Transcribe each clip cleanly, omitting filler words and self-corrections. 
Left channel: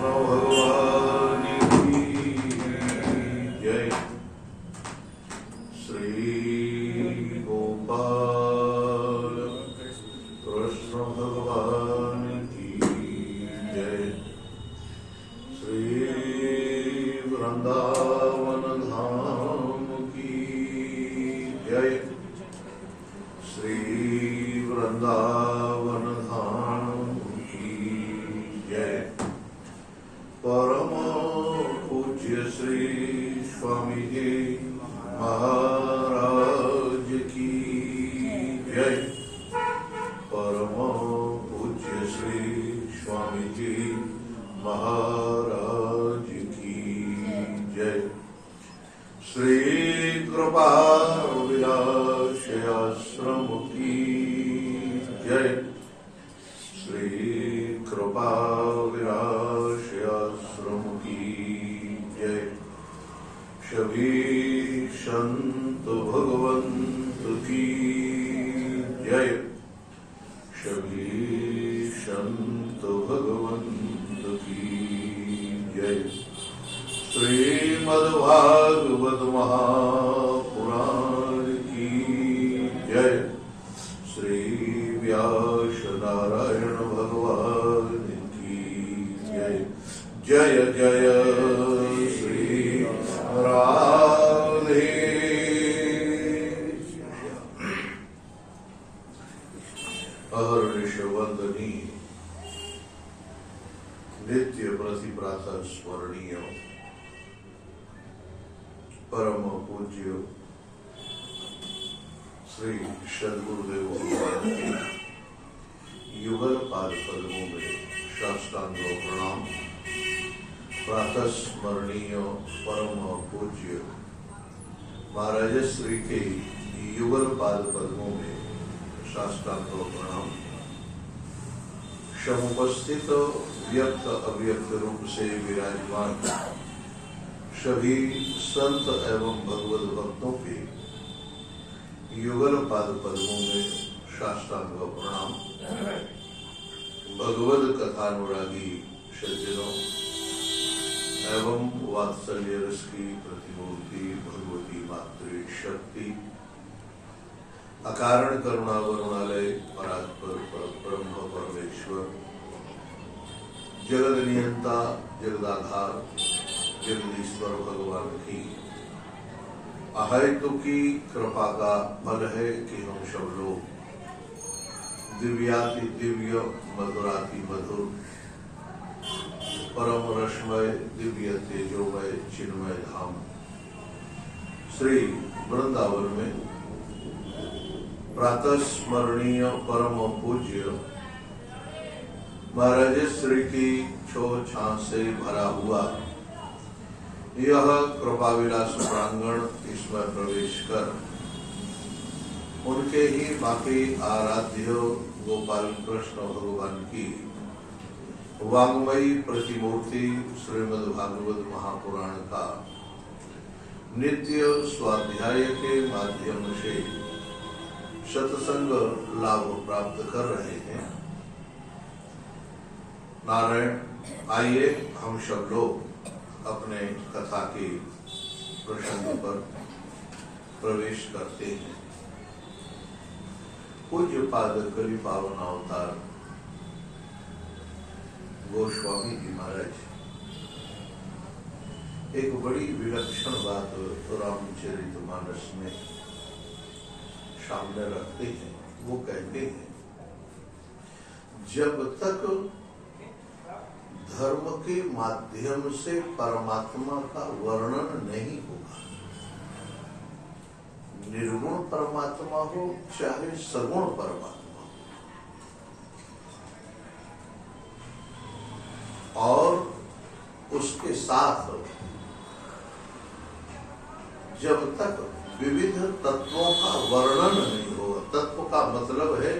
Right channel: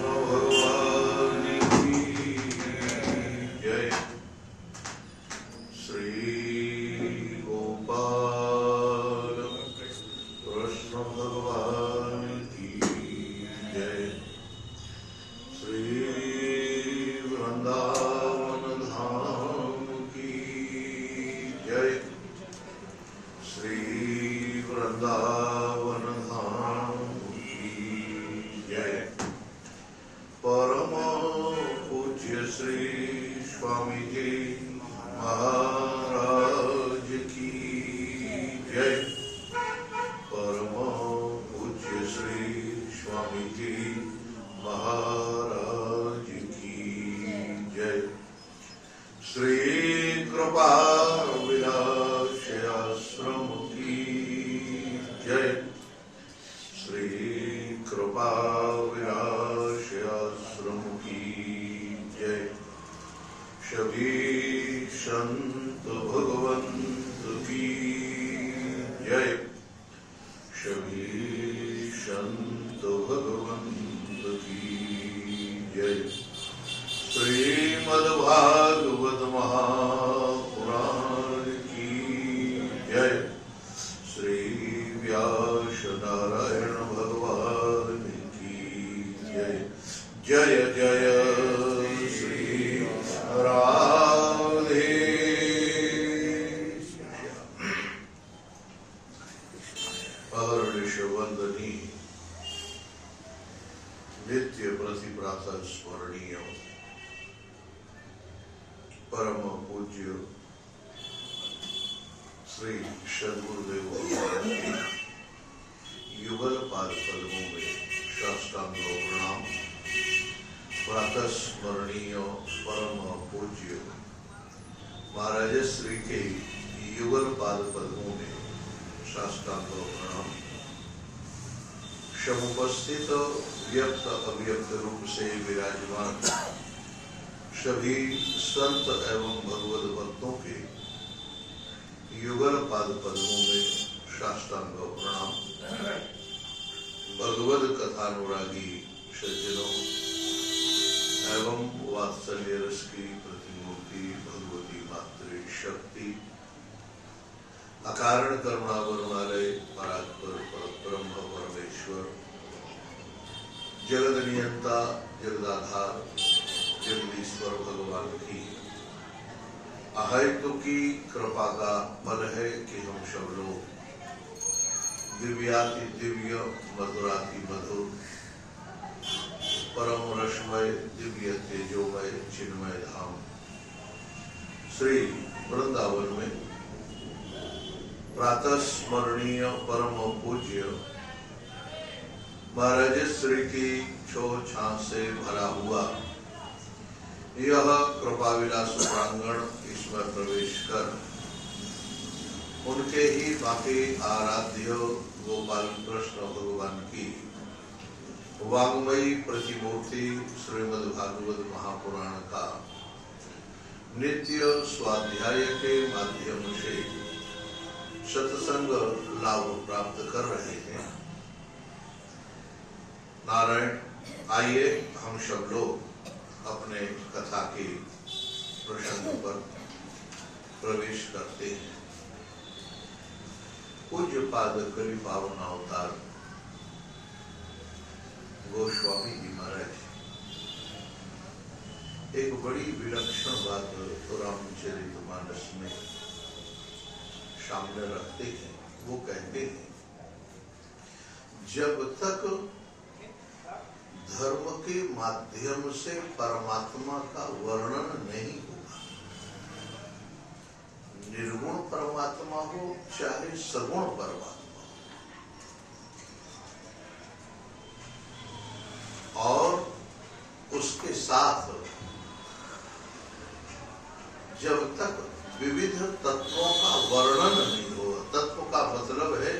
कृष्ण भगवान की जय। श्री गोपाल कृष्ण भगवान की जय। श्री वृंदावन धाम की जय। श्री वृंदावन धाम की जय। परम पूज्य श्री स्वामी जी महाराज की जय। परम पूज्य श्री स्वामी जी महाराज की जय। श्री कृपा विलास आश्रम की जय। श्री कृपा विलास आश्रम की जय। सभी संत भगवंत की जय। सभी संत भगवंत की जय। श्रीमद्भागवत महापुराण की जय। श्री व्यास नारायण भगवान की जय। जय जय श्री राधे। अहर्निश वंदनी नित्य प्रति प्रातः स्मरणीय परम पूज्य श्री सद्गुरुदेव युगल पाद पद्मों में साष्टांग प्रणाम। प्रातः स्मरणीय परम पूज्य महाराज श्री के युगल पाद पद्मों में साष्टांग प्रणाम। समुपस्थित व्यक्त अव्यक्त रूप से विराजमान सभी संत एवं भगवत भक्तों के युगल पाद पद्मों में साष्टांग प्रणाम। भगवत कथानुरागी सज्जनों एवं वात्सल्य रस की प्रतिमूर्ति भगवती मातृशक्ति अकारण करुणा वरुणालय परात्पर परब्रह्म परमेश्वर जगद नियंता जगदाधार जगदीश्वर भगवान की अहेतु की कृपा का फल है कि हम सब लोग दिव्याति दिव्य मधुराति मधुर परम रसमय दिव्य तेजोमय चिन्मय धाम श्री वृंदावन में प्रातः स्मरणीय परम पूज्य महाराज श्री की छो छाछ से भरा हुआ यह कृपा विलास प्रांगण इसमें प्रवेश कर उनके ही बाकी आराध्य गोपाल कृष्ण भगवान की वाङ्मयी प्रतिमूर्ति श्रीमद् भागवत महापुराण का नित्य स्वाध्याय के माध्यम से सत्संग लाभ प्राप्त कर रहे हैं। नारायण, आइए हम सब लोग अपने कथा के प्रसंग पर प्रवेश करते हैं। पूज्य पाद कवि पावन अवतार गोस्वामी जी महाराज एक बड़ी विलक्षण बात रामचरितमानस में सामने रखते हैं। वो कहते हैं, जब तक धर्म के माध्यम से परमात्मा का वर्णन नहीं होगा, निर्गुण परमात्मा हो चाहे सगुण परमात्मा हो, और उसके साथ जब तक विविध तत्वों का वर्णन नहीं होगा, तत्व का मतलब है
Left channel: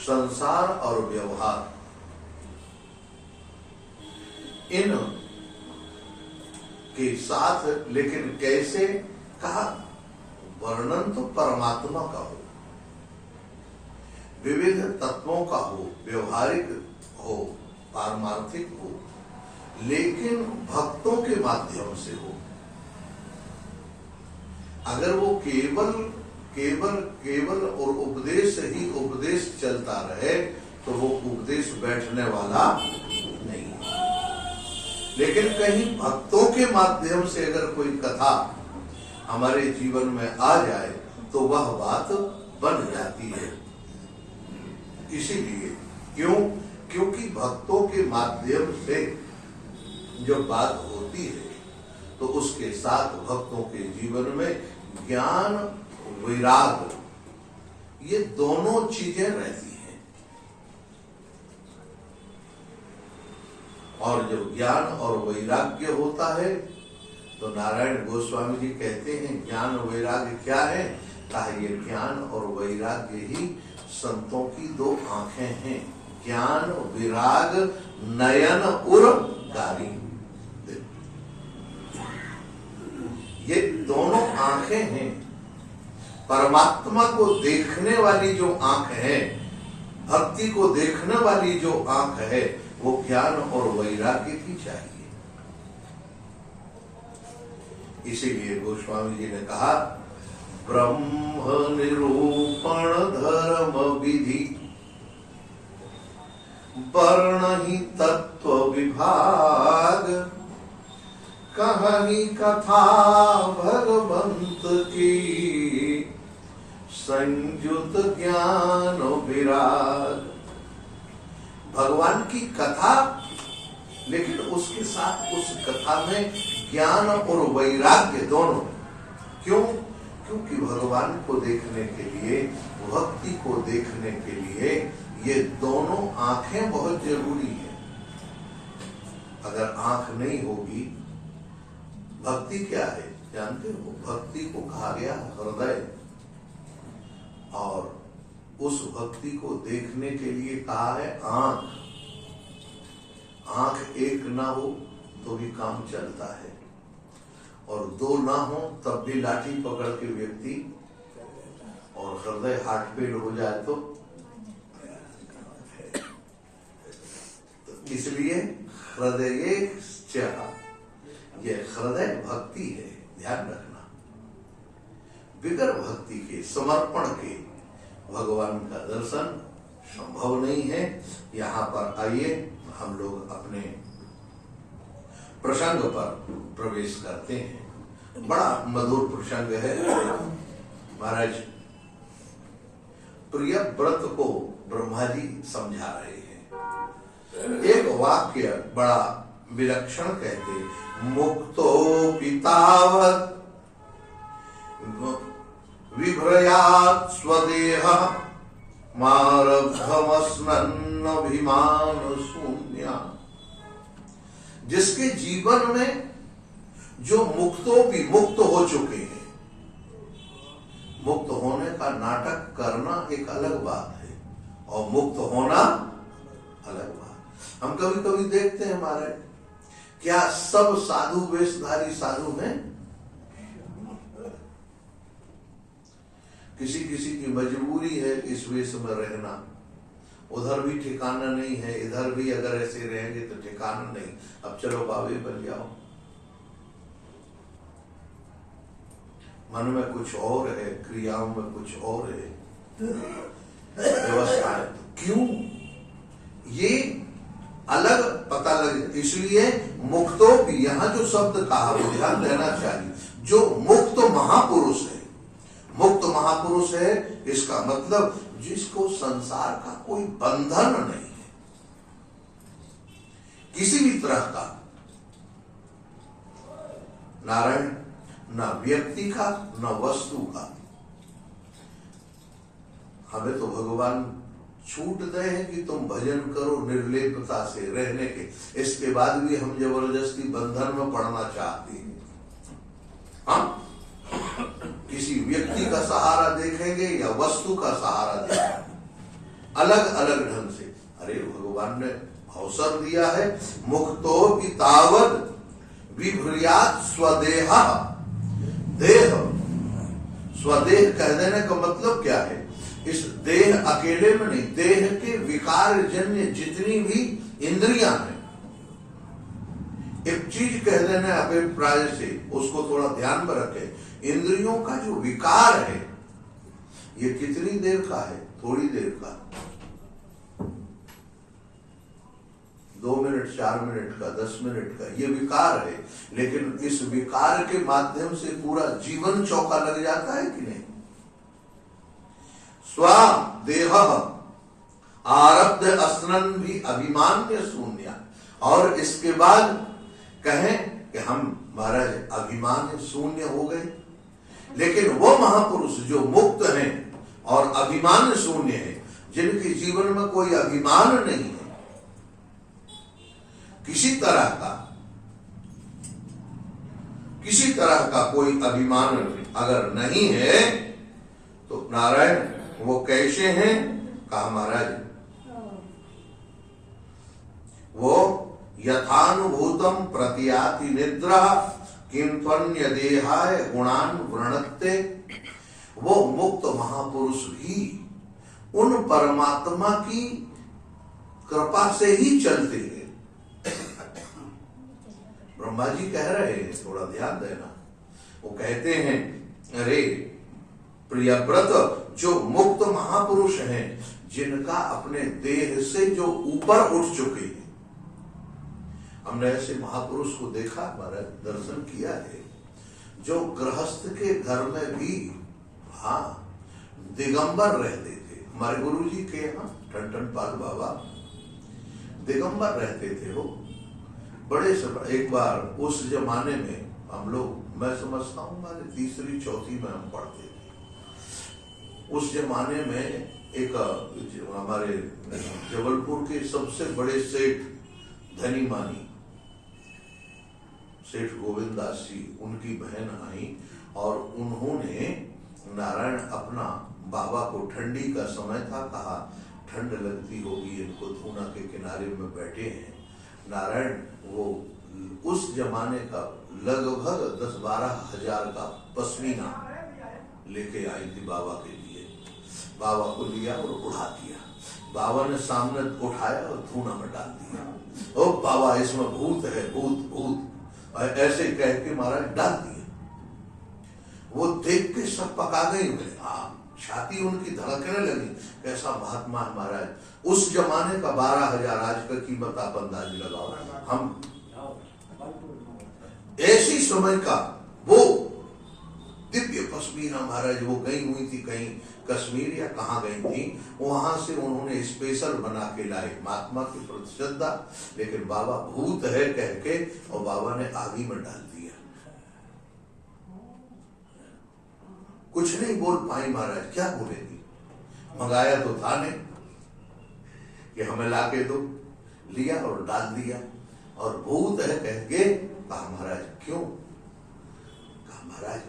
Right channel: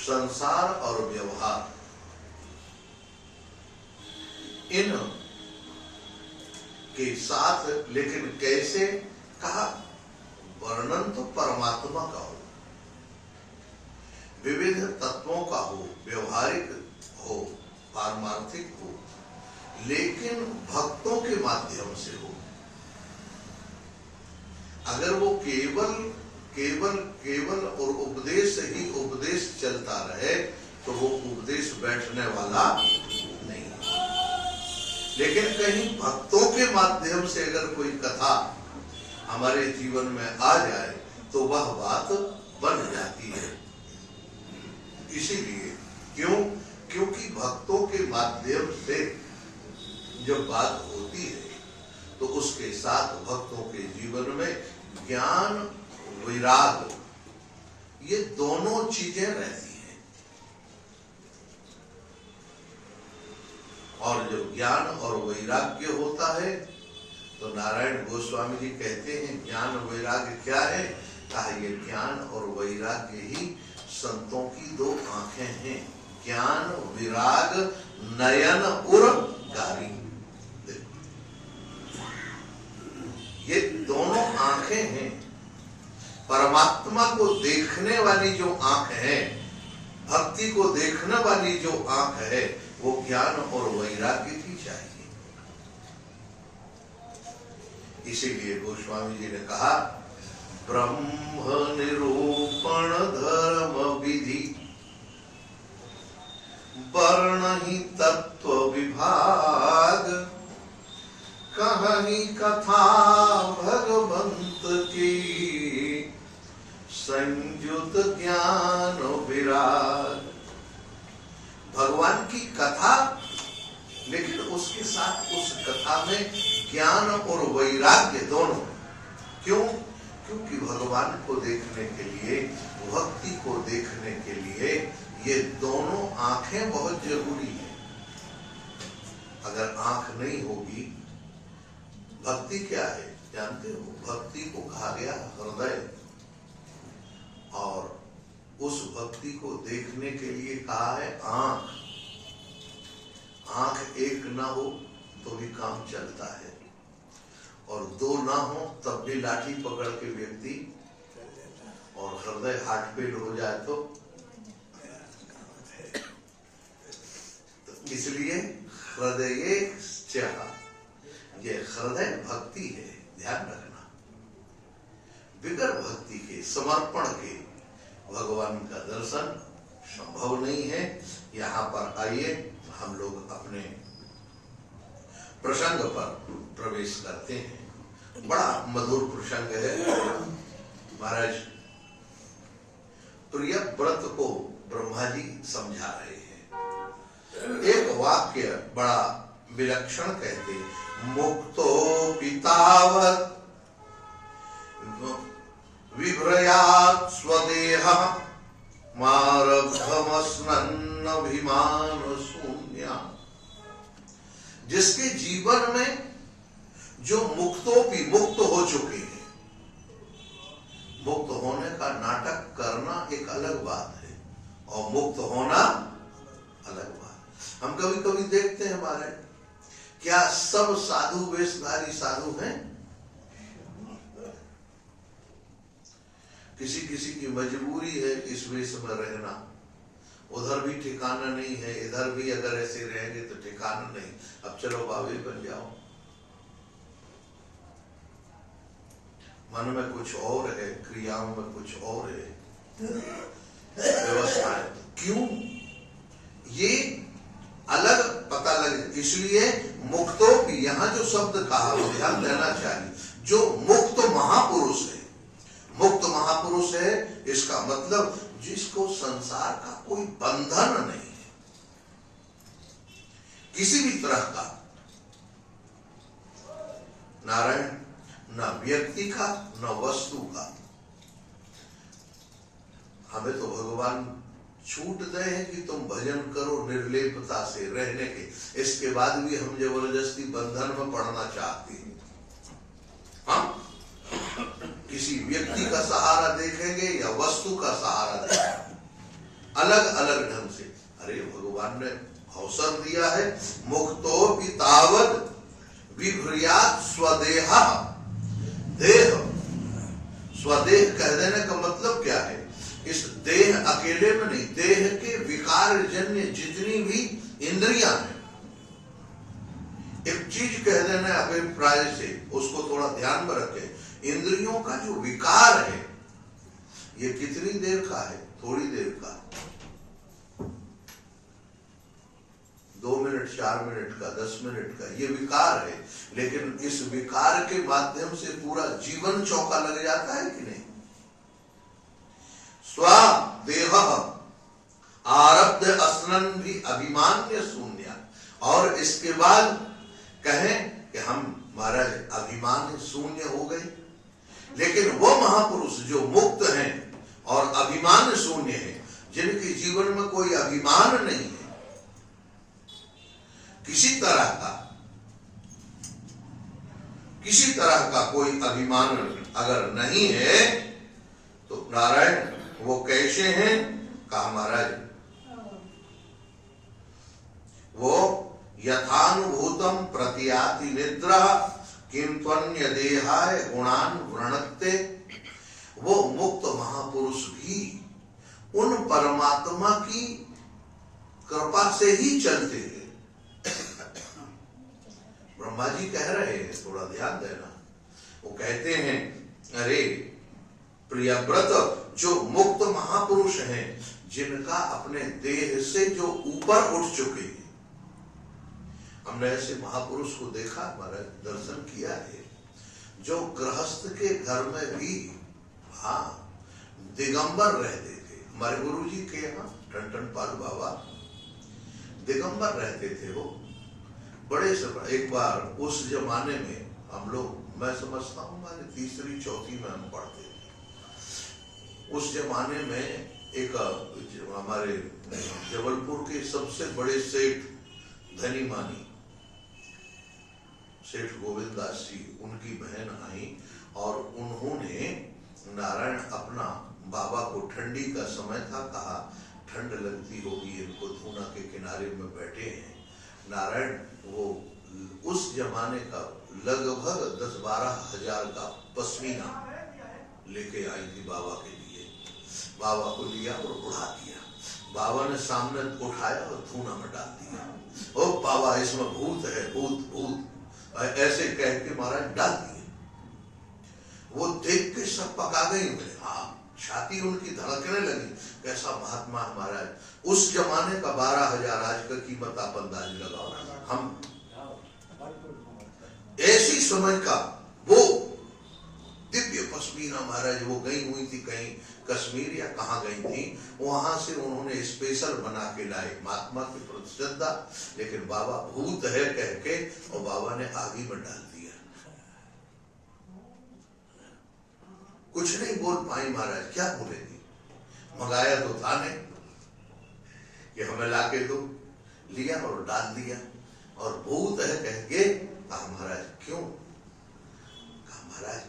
संसार और व्यवहार, इन के साथ लेकिन कैसे कहा, वर्णन तो परमात्मा का हो, विविध तत्वों का हो, व्यवहारिक हो, पारमार्थिक हो, लेकिन भक्तों के माध्यम से हो। अगर वो केवल केवल केवल और उपदेश ही उपदेश चलता रहे तो वो उपदेश बैठने वाला नहीं है। लेकिन कहीं भक्तों के माध्यम से अगर कोई कथा हमारे जीवन में आ जाए तो वह बात बन जाती है। इसीलिए क्योंकि भक्तों के माध्यम से जब बात होती है तो उसके साथ भक्तों के जीवन में ज्ञान वैराग ये दोनों चीजें रहती हैं। और जो ज्ञान और वैराग्य होता है तो नारायण गोस्वामी जी कहते हैं ज्ञान वैराग्य क्या है? कहा ये ज्ञान और वैराग्य ही संतों की दो आंखें हैं। ज्ञान विराग नयन उर गारी, ये दोनों आंखें हैं। परमात्मा को देखने वाली जो आंख है, भक्ति को देखने वाली जो आंख है, वो ज्ञान और वैराग्य की चाहिए। इसीलिए गोस्वामी जी ने कहा ब्रह्म निरूपण धर्म विधि वर्ण ही तत्व विभाग कहानी कथा भगवंत की संयुत ज्ञान विराग। भगवान की कथा, लेकिन उसके साथ उस कथा में ज्ञान और वैराग्य दोनों। क्यों? क्योंकि भगवान को देखने के लिए, भक्ति को देखने के लिए ये दोनों आंखें बहुत जरूरी है। अगर आंख नहीं होगी, भक्ति क्या है जानते हो? भक्ति को कहा गया हृदय, और उस भक्ति को देखने के लिए कहा है आंख। आंख एक ना हो तो भी काम चलता है, और दो ना हो तब भी लाठी पकड़ के व्यक्ति, और हृदय हार्ट फेल हो जाए तो इसलिए हृदय चाह, ये हृदय भक्ति है, ध्यान रखना। बिगर भक्ति के, समर्पण के भगवान का दर्शन संभव नहीं है। यहाँ पर आइए हम लोग अपने प्रसंग पर प्रवेश करते हैं। बड़ा मधुर प्रसंग है। महाराज प्रिय व्रत को ब्रह्मा जी समझा रहे हैं। एक वाक्य बड़ा विलक्षण कहते, मुक्तो पितावत् विभ्रयात् स्वदेह मारब्धमस्नन् अभिमान शून्य। जिसके जीवन में जो मुक्तोपि मुक्त हो चुके हैं, मुक्त होने का नाटक करना एक अलग बात है और मुक्त होना अलग बात। हम कभी कभी देखते हैं हमारे, क्या सब साधु वेशधारी साधु हैं? किसी किसी की मजबूरी है इस वेश में रहना, उधर भी ठिकाना नहीं है, इधर भी अगर ऐसे रहेंगे तो ठिकाना नहीं। अब चलो बाबे बन जाओ। मन में कुछ और है, क्रियाओं में कुछ और है, व्यवस्था है। क्यों? ये अलग पता लगे। इसलिए मुक्तों की यहाँ जो शब्द कहा वो ध्यान देना चाहिए। जो मुक्त महापुरुष है, मुक्त महापुरुष है, इसका मतलब जिसको संसार का कोई बंधन नहीं है, किसी भी तरह का, नारायण, न व्यक्ति का न वस्तु का। हमें तो भगवान छूट गए हैं कि तुम भजन करो निर्लेपता से रहने के, इसके बाद भी हम जबरदस्ती बंधन में पड़ना चाहते हैं। हम किसी व्यक्ति का सहारा देखेंगे या वस्तु का सहारा देखेंगे, अलग अलग ढंग से। अरे भगवान ने अवसर दिया है, मुक्तो पितावद विभ्रयात् स्वदेह। देह, स्वदेह कह देने का मतलब क्या है? इस देह अकेले में नहीं, देह के विकार जन्य जितनी भी इंद्रियां हैं, एक चीज कह देना अभिप्राय से, उसको थोड़ा ध्यान में रखें। इंद्रियों का जो विकार है ये कितनी देर का है? थोड़ी देर का, 2 मिनट, 4 मिनट का, 10 मिनट का, ये विकार है। लेकिन इस विकार के माध्यम से पूरा जीवन चौका लग जाता है कि नहीं? स्वादेह आरब्ध अस्नन भी अभिमान्य शून्य। और इसके बाद कहें कि हम महाराज अभिमान शून्य हो गए। लेकिन वो महापुरुष जो मुक्त हैं और अभिमान शून्य है, जिनके जीवन में कोई अभिमान नहीं है किसी तरह का कोई अभिमान अगर नहीं है, तो नारायण वो कैसे हैं? कहा महाराज वो यथानुभूतम प्रतियाति निद्रा किंत्वन्य देहाय गुणान वृणत्ते। वो मुक्त महापुरुष भी उन परमात्मा की कृपा से ही चलते हैं। ब्रह्मा जी कह रहे हैं, थोड़ा ध्यान देना। वो कहते हैं, अरे प्रियव्रत, जो मुक्त महापुरुष हैं, जिनका अपने देह से जो ऊपर उठ चुके हैं, हमने ऐसे महापुरुष को देखा, हमारा दर्शन किया है, जो गृहस्थ के घर में भी दिगंबर रहते थे। हमारे गुरु जी के यहाँ टन पाल बाबा दिगंबर रहते थे। वो बड़े से एक बार उस जमाने में हम लोग, मैं समझता हूँ हमारे 3री 4थी में हम पढ़ते थे। उस जमाने में एक हमारे जबलपुर के सबसे बड़े सेठ, धनी मानी सेठ गोविंद दास जी, उनकी बहन आई और उन्होंने नारायण अपना बाबा को, ठंडी का समय था, कहा ठंड लगती होगी इनको, धूना के किनारे में बैठे हैं। नारायण वो उस जमाने का लगभग 10-12 हजार का पश्मीना लेके आई थी बाबा के लिए। बाबा को लिया और उड़ा दिया। बाबा ने सामने उठाया और धूना में डाल दिया। ओ बाबा, इसमें भूत है, भूत भूत, ऐसे कह के महाराज डाल दिए। वो देख के सब पका गई। छाती उनकी धड़कने लगी, कैसा महात्मा है महाराज। उस जमाने का 12,000, आज का कीमत आप अंदाज लगाओ। हम ऐसी समय का वो दिव्य पश्मीना महाराज, वो गई हुई थी कहीं कश्मीर या कहाँ गई थी, वहां से उन्होंने स्पेशल बना के लाए। महात्मा की प्रति श्रद्धा, लेकिन बाबा भूत है कह के, और बाबा ने आगी में डाल दिया। कुछ नहीं बोल पाई महाराज, क्या बोलेगी? मंगाया तो था नहीं कि हमें लाके दो, लिया और डाल दिया। और भूत है कह के कहा महाराज क्यों? कहा महाराज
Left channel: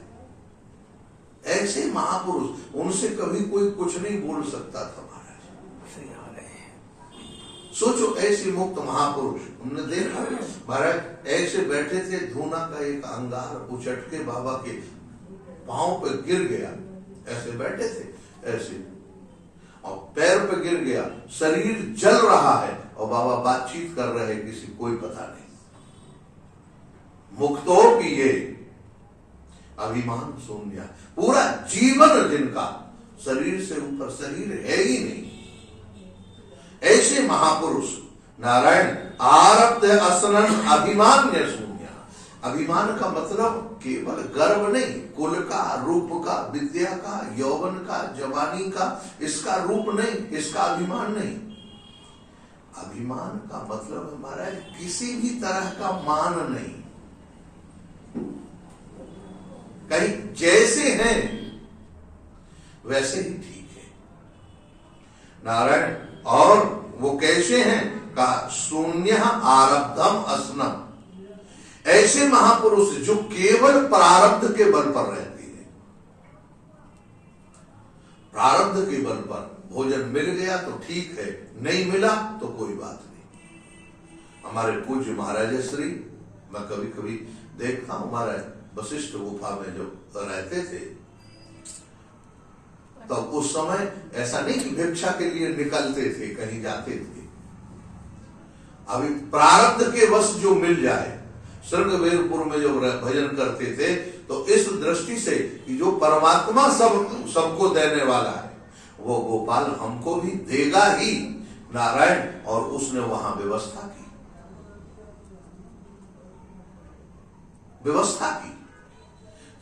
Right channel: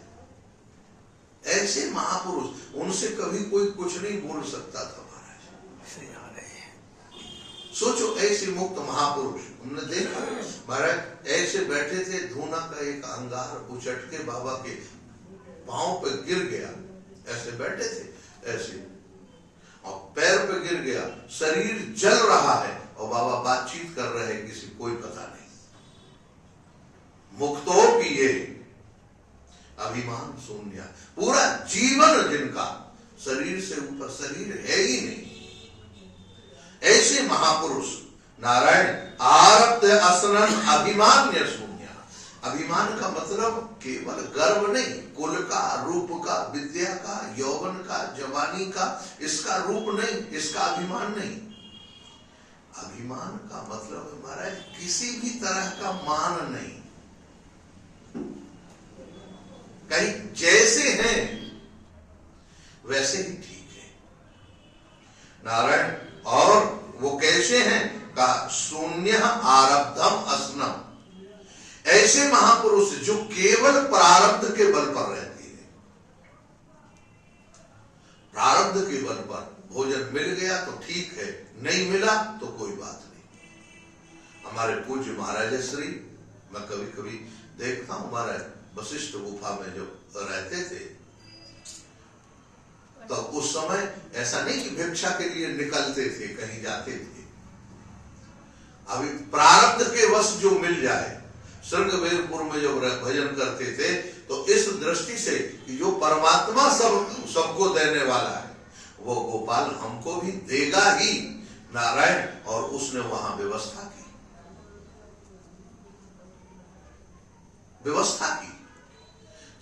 ऐसे महापुरुष, उनसे कभी कोई कुछ नहीं बोल सकता था महाराज। सोचो ऐसे मुक्त महापुरुष, हमने देखा महाराज ऐसे बैठे थे, धूना का एक अंगार उचट के बाबा के पांव पे गिर गया, ऐसे बैठे थे ऐसे, और पैर पे गिर गया, शरीर जल रहा है और बाबा बातचीत कर रहे हैं, किसी कोई पता नहीं। मुक्तो पिए अभिमान शून्य, पूरा जीवन जिनका शरीर से ऊपर शरीर है ही नहीं, ऐसे महापुरुष नारायण आरब्ध असनन अभिमान्य शून्य। अभिमान का मतलब केवल गर्व नहीं, कुल का, रूप का, विद्या का, यौवन का, जवानी का, इसका रूप नहीं, इसका अभिमान नहीं। अभिमान का मतलब महाराज किसी भी तरह का मान नहीं, कहीं जैसे हैं वैसे ही ठीक है नारायण। और वो कैसे हैं? कहा शून्य आरब्धम असनम। ऐसे महापुरुष जो केवल प्रारब्ध के बल पर रहते हैं, प्रारब्ध के बल पर भोजन मिल गया तो ठीक है, नहीं मिला तो कोई बात नहीं। हमारे पूज्य महाराज श्री, मैं कभी कभी देखता हूं, महाराज वशिष्ठ गुफा में जो रहते थे, तो उस समय ऐसा नहीं कि भिक्षा के लिए निकलते थे, कहीं जाते थे। अभी प्रारब्ध के वश जो मिल जाए, श्रृंगवेरपुर में जब भजन करते थे तो इस दृष्टि से कि जो परमात्मा सबको देने वाला है वो गोपाल हमको भी देगा ही नारायण, और उसने वहां व्यवस्था की।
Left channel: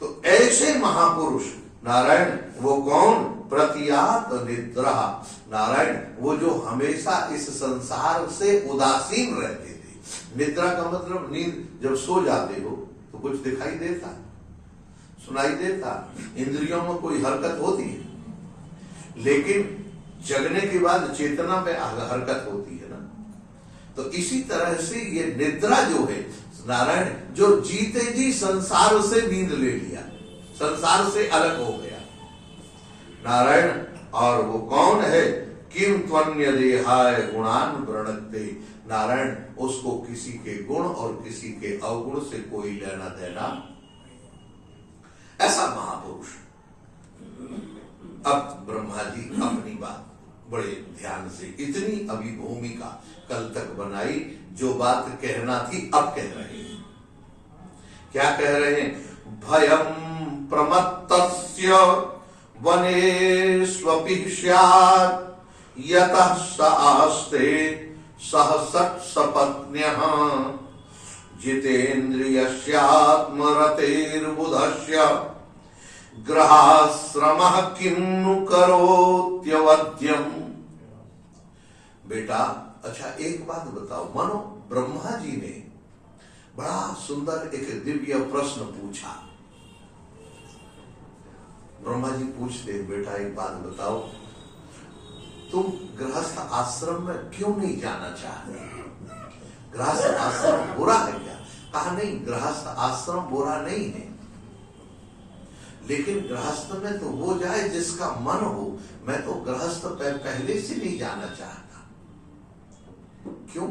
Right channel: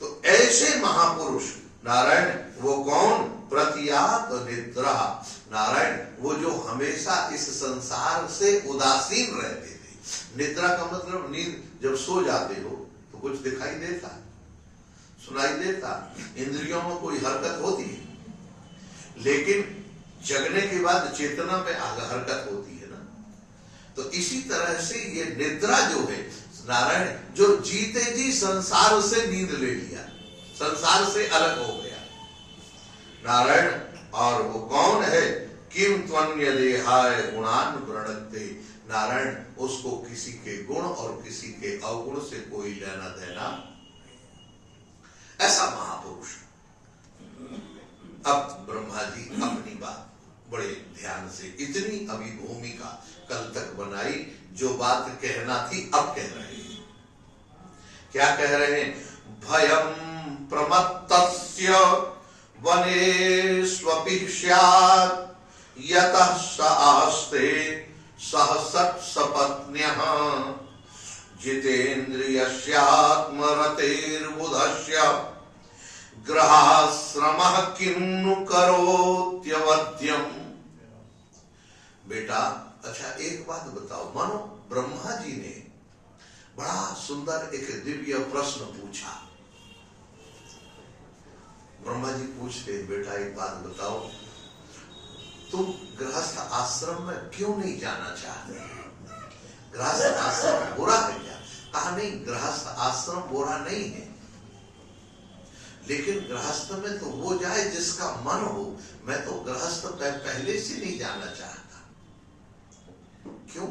तो ऐसे महापुरुष नारायण वो कौन? प्रतियात निद्रा, नारायण वो जो हमेशा इस संसार से उदासीन रहते थे। निद्रा का मतलब नींद, जब सो जाते हो तो कुछ दिखाई देता, सुनाई देता, इंद्रियों में कोई हरकत होती है, लेकिन जगने के बाद चेतना में हरकत होती है ना। तो इसी तरह से ये निद्रा जो है नारायण, जो जीते जी संसार से नींद ले लिया, संसार से अलग हो गया नारायण। और वो कौन है? किम त्वन्य देहाय गुणान प्रणते, नारायण उसको किसी के गुण और किसी के अवगुण से कोई लेना देना, ऐसा महापुरुष। अब ब्रह्मा जी अपनी बात बड़े ध्यान से, इतनी अभी भूमिका कल तक बनाई, जो बात कहना थी अब कह रहे हैं। क्या कह रहे हैं? भयम प्रमत्तस्य वनेष्वपि स्यात् यतः स आस्ते सहसत् सपत्न्यः जितेन्द्रियस्यात्मरतेर्बुधस्य ग्रहाश्रमः किन्नु करोत्यवध्यम्। बेटा अच्छा एक बात बताओ, मानो ब्रह्मा जी ने बड़ा सुंदर एक दिव्य प्रश्न पूछा। ब्रह्मा जी पूछते, बेटा एक बात बताओ, तुम गृहस्थ आश्रम में क्यों नहीं जाना चाहते? गृहस्थ आश्रम बुरा है क्या? कहा नहीं, गृहस्थ आश्रम बुरा नहीं है, लेकिन गृहस्थ में तो वो जाए जिसका मन हो। मैं तो गृहस्थ पहले से नहीं जाना चाहता। क्यों?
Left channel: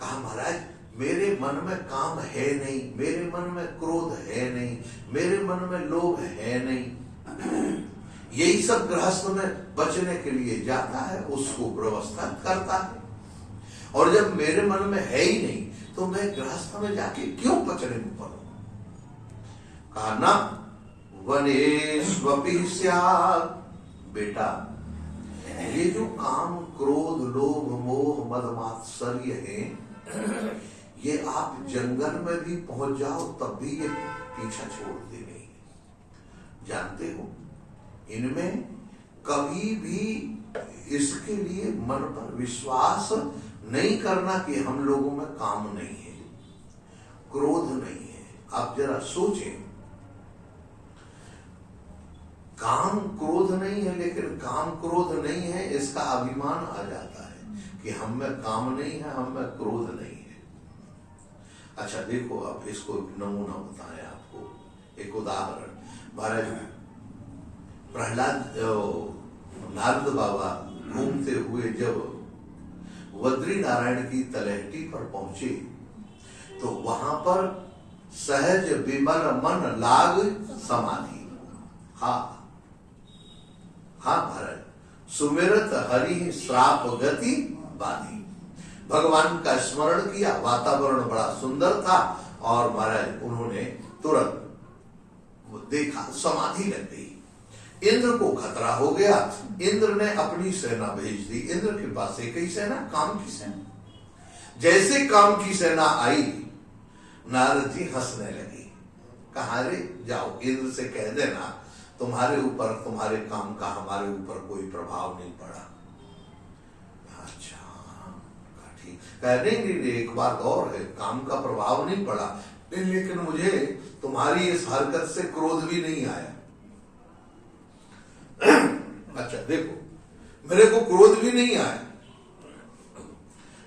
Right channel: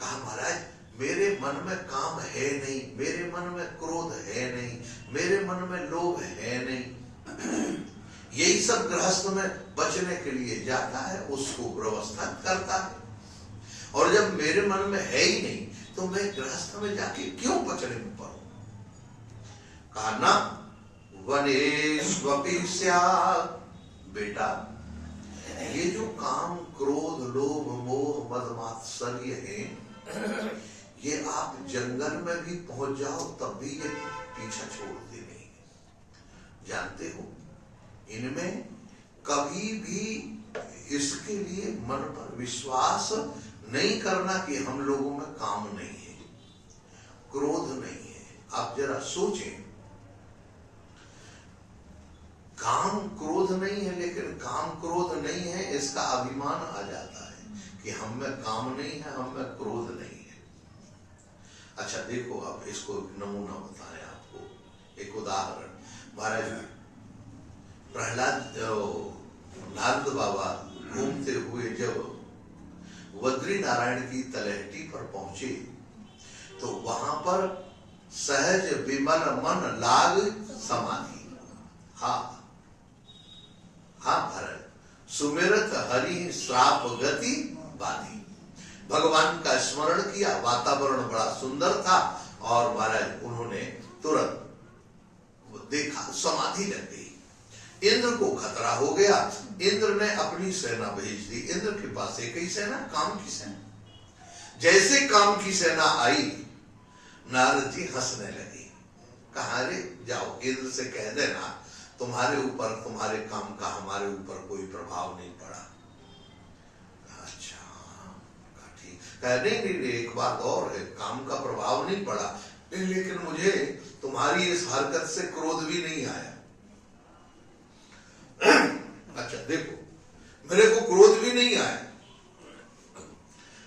कहा महाराज मेरे मन में काम है नहीं, मेरे मन में क्रोध है नहीं, मेरे मन में लोभ है नहीं। यही सब गृहस्थ में बचने के लिए जाता है, उसको व्यवस्था करता है। और जब मेरे मन में है ही नहीं तो मैं गृहस्थ में जाके क्यों बचने में पड़ूं? कहा ना वनेष्वपि स्यात्। बेटा ये जो काम क्रोध लोभ मोह मद मात्सर्य है, ये आप जंगल में भी पहुंच जाओ तब भी ये पीछा छोड़ते नहीं। जानते हो इनमें कभी भी इसके लिए मन पर विश्वास नहीं करना कि हम लोगों में काम नहीं है, क्रोध नहीं है। आप जरा सोचें, काम क्रोध नहीं है, लेकिन काम क्रोध नहीं है इसका अभिमान आ जाता है कि हम में काम नहीं है, हम में क्रोध नहीं है। अच्छा देखो, अब इसको एक नमूना बताएं आपको, एक उदाहरण। महाराज प्रहलाद नारद बाबा घूमते हुए जब बद्री नारायण की तलहटी पर पहुंचे तो वहां पर सहज विमल मन लाग समाधि। हाँ महाराज, सुमिरत हरि श्राप गति बाधी। भगवान का स्मरण किया, वातावरण बड़ा सुंदर था और महाराज उन्होंने तुरंत देखा समाधि लग गई। इंद्र को खतरा हो गया, इंद्र ने अपनी सेना भेज दी। इंद्र के पास एक ही सेना, काम की सेना। जैसे काम की सेना आई, नारद जी हंसने लगे। कहा रे जाओ इंद्र से कह देना तुम्हारे ऊपर, तुम्हारे काम का हमारे ऊपर कोई प्रभाव नहीं पड़ा। अच्छा ठीक, कह नहीं एक बात और है, काम का प्रभाव नहीं पड़ा लेकिन मुझे तुम्हारी इस हरकत से क्रोध भी नहीं आया। अच्छा देखो, मेरे को क्रोध भी नहीं आया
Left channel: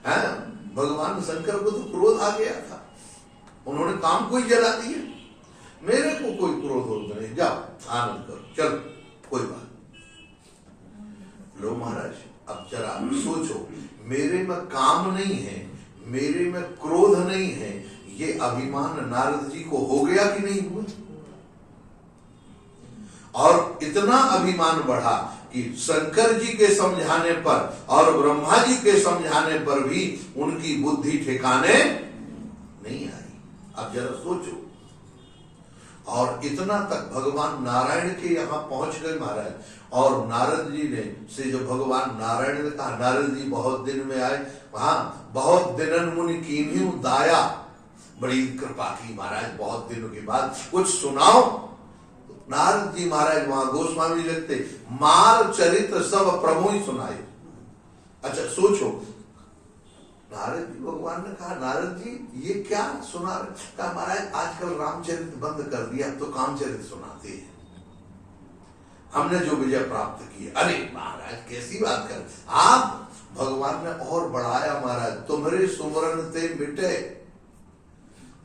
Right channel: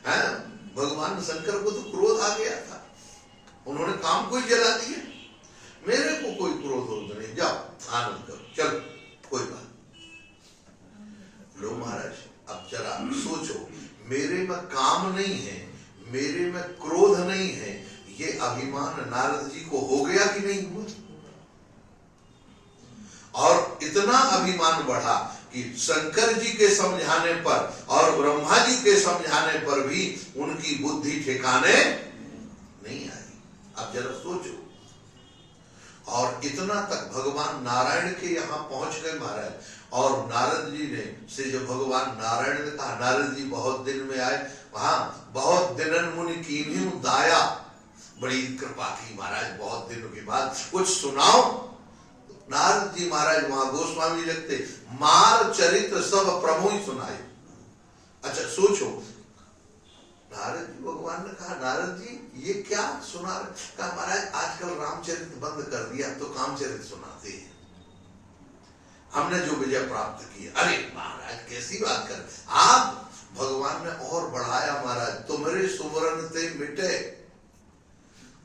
है। भगवान शंकर को तो क्रोध आ गया था, उन्होंने काम को ही जला दिया। मेरे को कोई क्रोध होता नहीं, जाओ आनंद करो, चलो कोई बात। लो महाराज अब जरा सोचो, मेरे में काम नहीं है, मेरे में क्रोध नहीं है, ये अभिमान नारद जी को हो गया कि नहीं हुआ? और इतना अभिमान बढ़ा कि शंकर जी के समझाने पर और ब्रह्मा जी के समझाने पर भी उनकी बुद्धि ठिकाने नहीं आई। अब जरा सोचो, और इतना तक भगवान नारायण के यहाँ पहुंच गए महाराज। और नारद जी ने से जो भगवान नारायण ने कहा, नारद जी बहुत दिन में आए, हाँ बहुत दिनन मुनि कीन्ही दाया, बड़ी कृपा की महाराज, बहुत दिनों के बाद कुछ सुनाओ। नारद जी महाराज वहां गोस्वामी लिखते, मार चरित्र सब प्रभु ही सुनाए। अच्छा सोचो, नारद जी, भगवान ने कहा नारद जी ये क्या सुना रहे? कहा महाराज आजकल रामचरित्र बंद कर दिया, अब तो कामचरित्र सुनाते हैं, हमने जो विजय प्राप्त की। अरे महाराज कैसी बात कर, आप भगवान ने और बढ़ाया महाराज, तुम्हारे सुवर्ण ते मिटे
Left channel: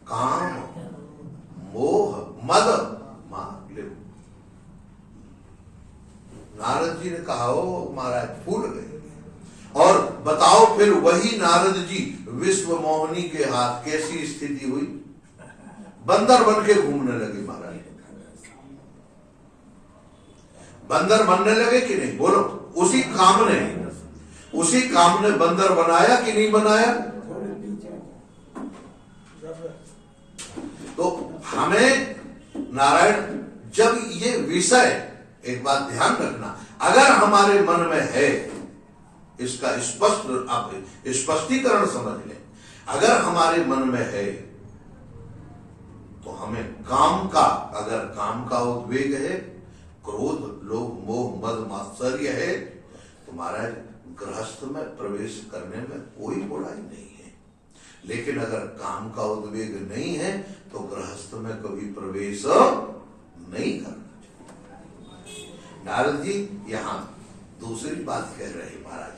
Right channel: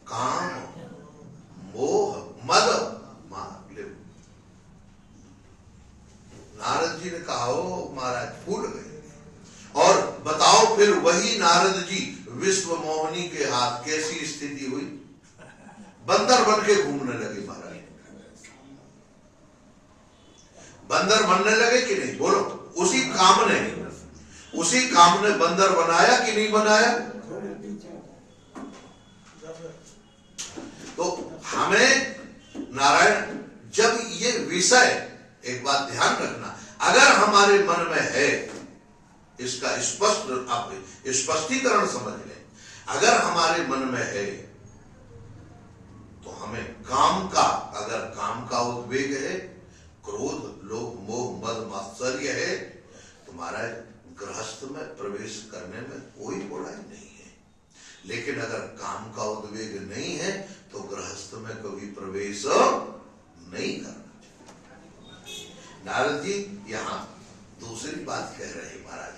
काम मोह मद मांग ले। नारद जी ने कहा ओ महाराज भूल गए। और बताओ फिर वही नारद जी विश्व मोहिनी के हाथ कैसी स्थिति हुई, बंदर बन के घूमने लगे महाराज। बंदर बनने लगे कि नहीं, बोलो? उसी काम ने बंदर बनाया कि नहीं बनाया? तो हमें नारायण, जब ये विषय, एक बात ध्यान रखना, अगर हमारे मन में है, इसका स्पष्ट आप स्पष्टीकरण समझ लें, अगर हमारे मन में है तो हमें काम का, अगर काम का उद्वेग है, क्रोध लोभ मोह मद मात्सर्य है, तो महाराज गृहस्थ में प्रवेश करने में कोई बुराई नहीं है। लेकिन अगर काम का उद्वेग नहीं है तो गृहस्थ में कभी प्रवेश नहीं करना चाहिए। नारद जी यहाँ दूसरी बात कह रहे हैं महाराज,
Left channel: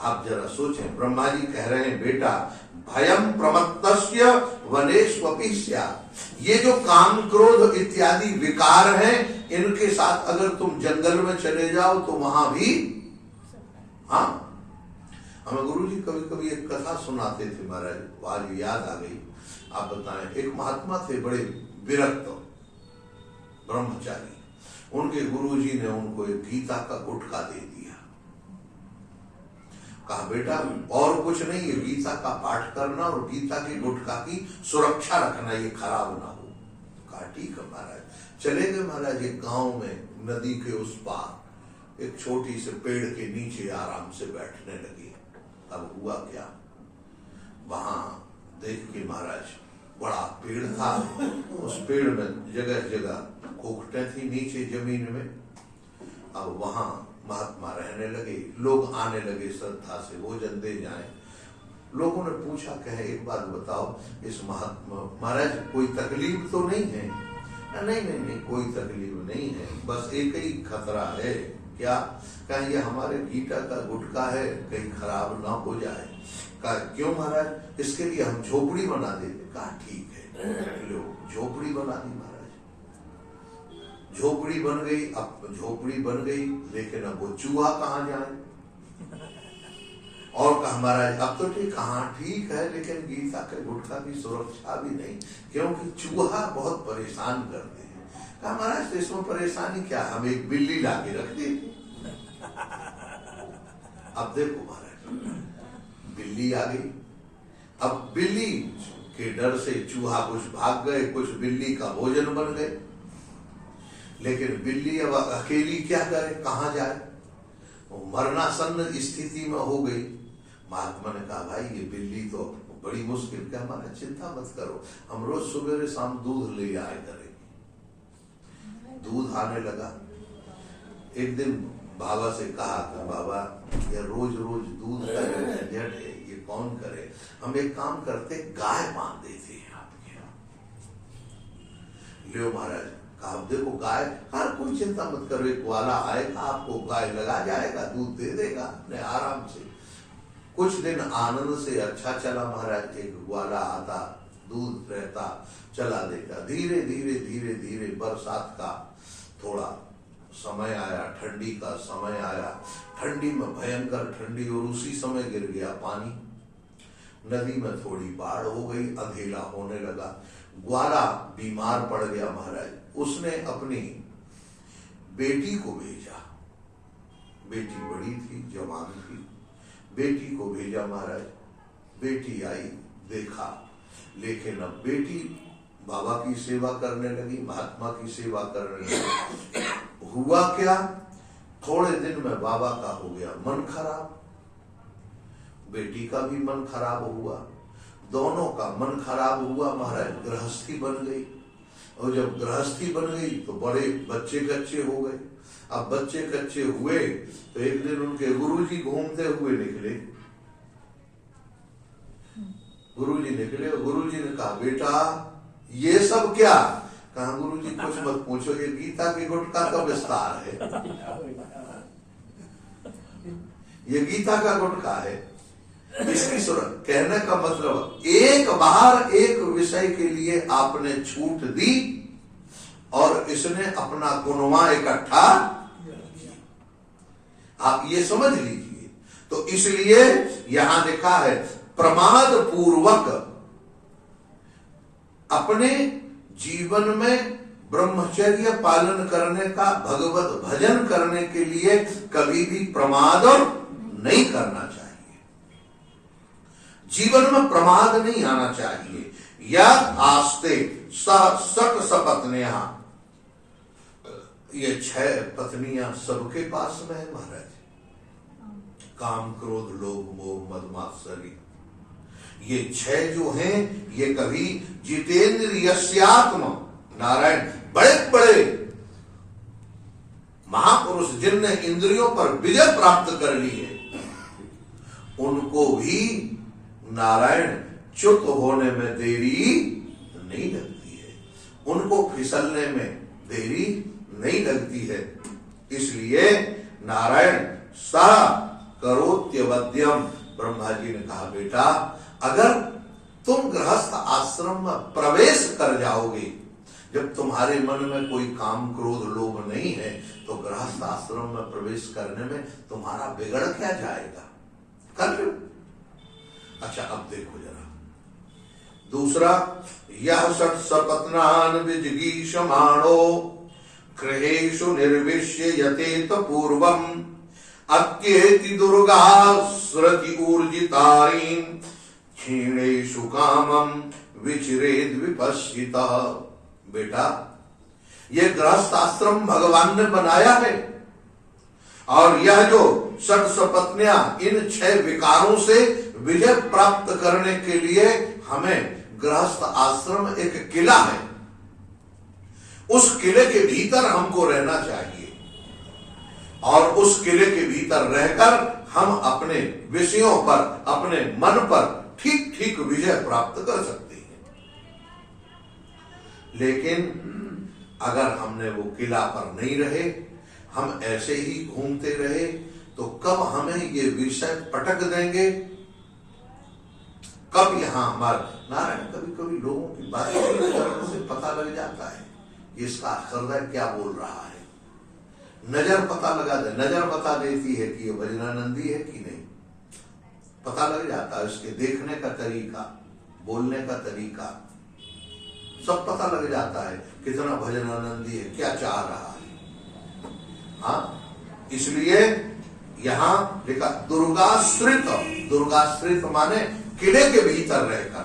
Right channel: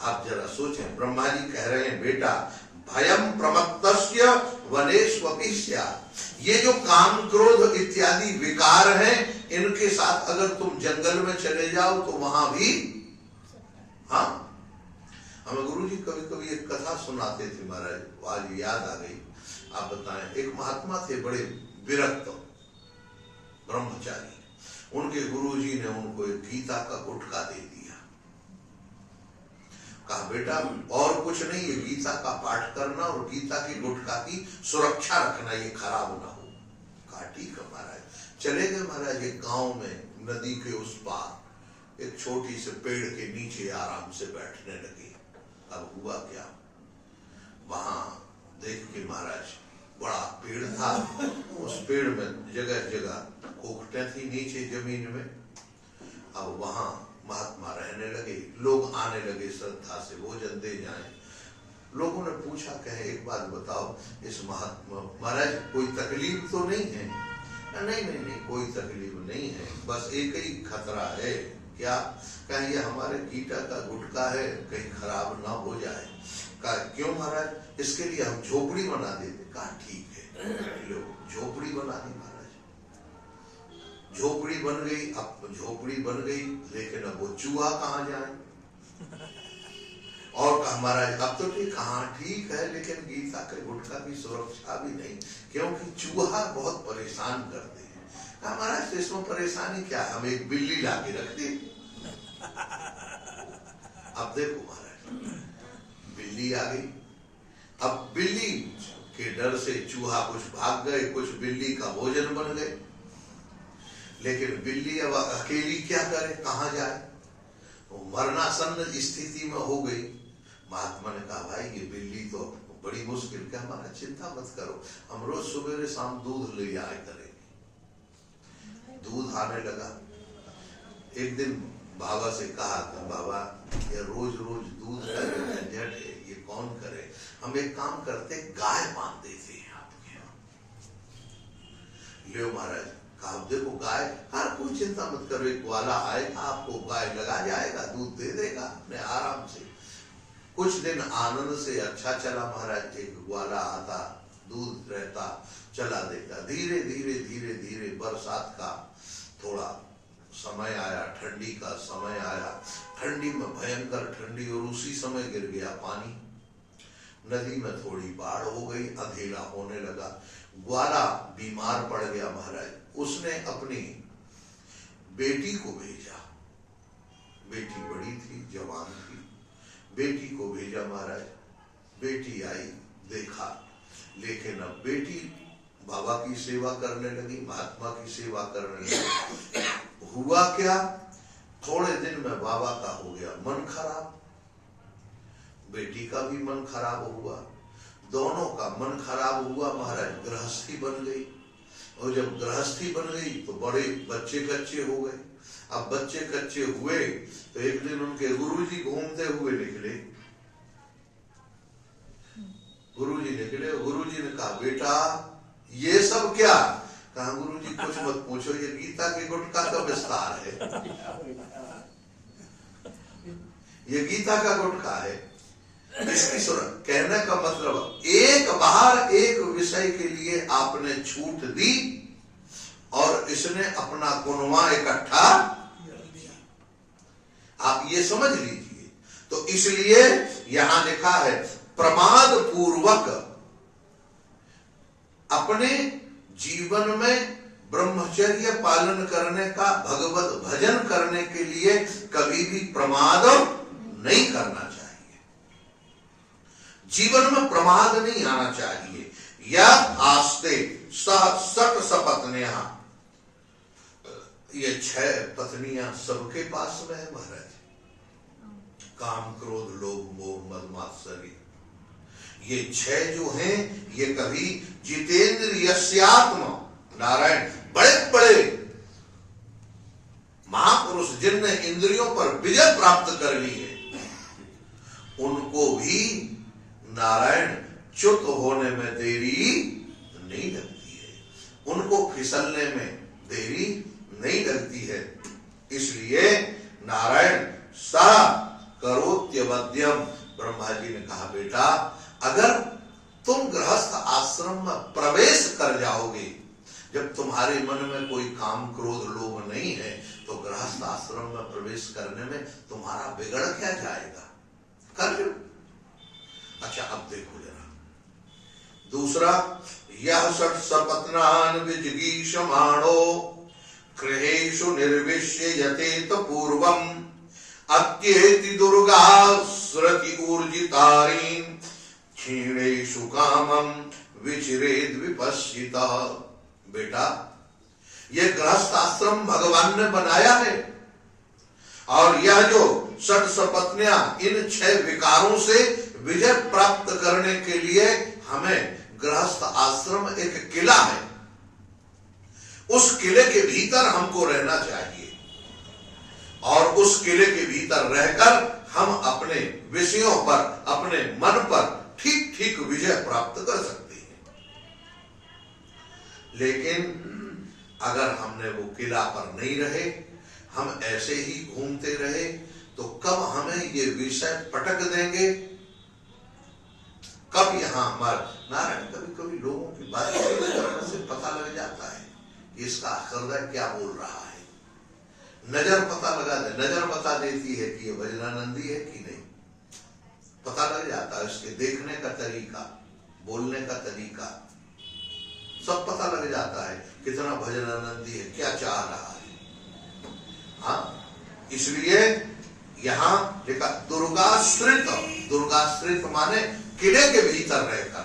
आप जरा सोचें। ब्रह्मा जी कह रहे हैं बेटा भयम प्रमत्तस्य वनेष्वपि स्यात्, ये जो काम क्रोध इत्यादि विकार हैं, इनके साथ अगर तुम जंगल में चले जाओ तो वहां भी, हाँ हमें गुरुजी कभी कभी एक कथा सुनाते थे महाराज, आज याद आ गई, आप बताएं। एक महात्मा थे बड़े विरक्त ब्रह्मचारी, उनके गुरुजी ने उनको एक गीता का गुटका दे दिया। कहा बेटा और कुछ नहीं, ये गीता का पाठ करना और गीता की गुटका की सुरक्षा रखना, ये खराब ना हो। कहा ठीक है महाराज। चले गए महाराज एक गांव में, नदी के उस पार एक छोटी से पेड़ के नीचे आराम से बैठने लगे। अब हुआ क्या, वहां देख के महाराज बड़ा पेड़ था, उस पेड़ में जगह जगह खोखटें थी नीचे जमीन में। अब वहां महात्मा रहने लगे, लोग आने लगे श्रद्धा से भोजन दे जाएं। लोगों ने पूछा, कहे एक बात बताओ, इस महात्मा महाराज कोई तकलीफ तो नहीं है? नहीं नहीं नहीं, कोई तकलीफ नहीं है, बस एक ही खतरा है। क्या? कहे ये हमारे गीता का गुटका है, कहीं खराब ना हो जाए। कहा क्यों महाराज? इसके लिए हम झोपड़ी बना देते। कहा ठीक है, लो झोपड़ी बना दी महाराज। झोपड़ी बन गई। अब झोपड़ी बन गई, लेकिन अब वो चूहा कहाँ जाए? और कहा महाराज अब तो ठीक, हाँ ठीक है, लेकिन गीता के गुटका की सुरक्षा भी नहीं, क्योंकि चूहा बहुत परेशान करते हैं। कहा महाराज तो इसमें परेशानी क्या, हम एक बिल्ली लाके रख दे। अब देखो महाराज, बिल्ली आ गई। अब बिल्ली के डर से चूहा कुछ भाग गए, कुछ बिल्ली का भोजन बन गए। लेकिन बिल्ली अब अकेली क्या करे, कहां जाए? वो मरणासन्न स्थिति में हो गई। महात्मा ने कहा भाई ये बिल्ली तो बड़ी मुश्किल, क्या हमारा चिंता मत करो, हम रोज सुबह शाम दूध ले आए करेंगे। दूध आने लगा। एक दिन बाबा से कहा था, बाबा ये रोज रोज दूध का जो झंझट है ये कौन करे, हम एक काम करते गाय बांध देते हैं आपके यहाँ। लियो महाराज। कहा देखो गाय, हर कोई चिंता मत करो, एक ग्वाला आएगा आपको गाय लगा जाएगा, दूध दे देगा अपने आराम से। कुछ दिन आनंद से अच्छा चला महाराज। एक ग्वाला आता, दूध रहता, चला देता। धीरे धीरे धीरे धीरे बरसात का थोड़ा समय आया, ठंडी का समय आया। ठंडी में भयंकर ठंडी, और उसी समय गिर गया पानी। नदी में थोड़ी बाढ़ हो गई, अंधेरा होने लगा। ग्वाला बीमार पड़ गया महाराज। उसने अपनी बेटी को भेजा, बेटी बड़ी थी, जवान थी, बेटी को भेजा महाराज। बेटी आई, देखा लेकिन अब बेटी बाबा की सेवा करने लगी, महात्मा की सेवा करने लगी। हुआ क्या, थोड़े दिन में बाबा का हो गया मन खराब, बेटी का भी मन खराब हुआ, दोनों का मन खराब हुआ। महाराज गृहस्थी बन गई, और जब गृहस्थी बन गई तो बड़े बच्चे कच्चे हो गए। अब बच्चे कच्चे हुए तो एक दिन उनके गुरुजी घूमते हुए निकले। गुरुजी निकले, गुरुजी ने कहा बेटा ये सब क्या? कहा गुरुजी कुछ मत पूछो, ये गीता के गुटका का विस्तार है, ये गीता का गुटका है। इसकी सूरत कहने का मतलब एक बार एक विषय के लिए आपने छूट दी और इसने अपना कुनवा इकट्ठा, आप ये समझ लीजिए। तो इसलिए यहां लिखा है प्रमाद पूर्वक अपने जीवन में ब्रह्मचर्य पालन करने का, भगवत भजन करने के लिए कभी भी प्रमाद नहीं करना चाहिए। जीवन में प्रमाद नहीं आना चाहिए। या आस्ते सट सपत्नियां, ये 6 पत्नियां सबके पास में है महाराज। काम क्रोध लोभ मोह मद मात्सर्य, ये 6 जो हैं ये कभी जितेंद्रियस्यात्म, नारायण बड़े बड़े महापुरुष जिनने इंद्रियों पर विजय प्राप्त कर ली है, उनको भी नारायण च्युत होने में देरी नहीं लगती है, उनको फिसलने में देरी नहीं लगती है। इसलिए नारायण सा करोत्यवद्यम, ब्रह्मा जी ने कहा बेटा अगर तुम गृहस्थ आश्रम में प्रवेश कर जाओगे, जब तुम्हारे मन में कोई काम क्रोध लोभ नहीं है, तो गृहस्थ आश्रम में प्रवेश करने में तुम्हारा बिगड़ क्या जाएगा, कर लो। अच्छा अब देखो जरा दूसरा, यह षट सपत्नान विजिगीषमाणो गृहेषु निर्विश्य यतेत पूर्वम अत्येति दुर्गा स्रति ऊर्जितारीं क्षीणेषु कामम विचिरेद विपश्चिता। बेटा ये गृहस्थ आश्रम भगवान ने बनाया है, और यह जो षट सपत्नियां इन 6 विकारों से विजय प्राप्त करने के लिए हमें गृहस्थ आश्रम एक किला है, उस किले के भीतर हमको रहना चाहिए, और उस किले के भीतर रहकर हम अपने विषयों पर, अपने मन पर ठीक ठीक विजय प्राप्त कर सकते हैं। लेकिन अगर हमने वो किला पर नहीं रहे, हम ऐसे ही घूमते रहे, तो कब हमें ये विषय पटक देंगे, कब यहां हमारे नारायण कभी कभी लोगों की बात करने से पता लग जाता है कि इसका हृदय क्या बोल रहा है। नजर पता लगा दे, नजर बता देती है कि ये भजनानंदी है कि नहीं, पता लग जाता है। उसके देखने का तरीका, बोलने का तरीका सब पता लग जाता है कितना भजनानंदी है, क्या चाह रहा है। हाँ, इसलिए यहां लिखा दुर्गाश्रित, दुर्गाश्रित माने किले के भीतर रहकर।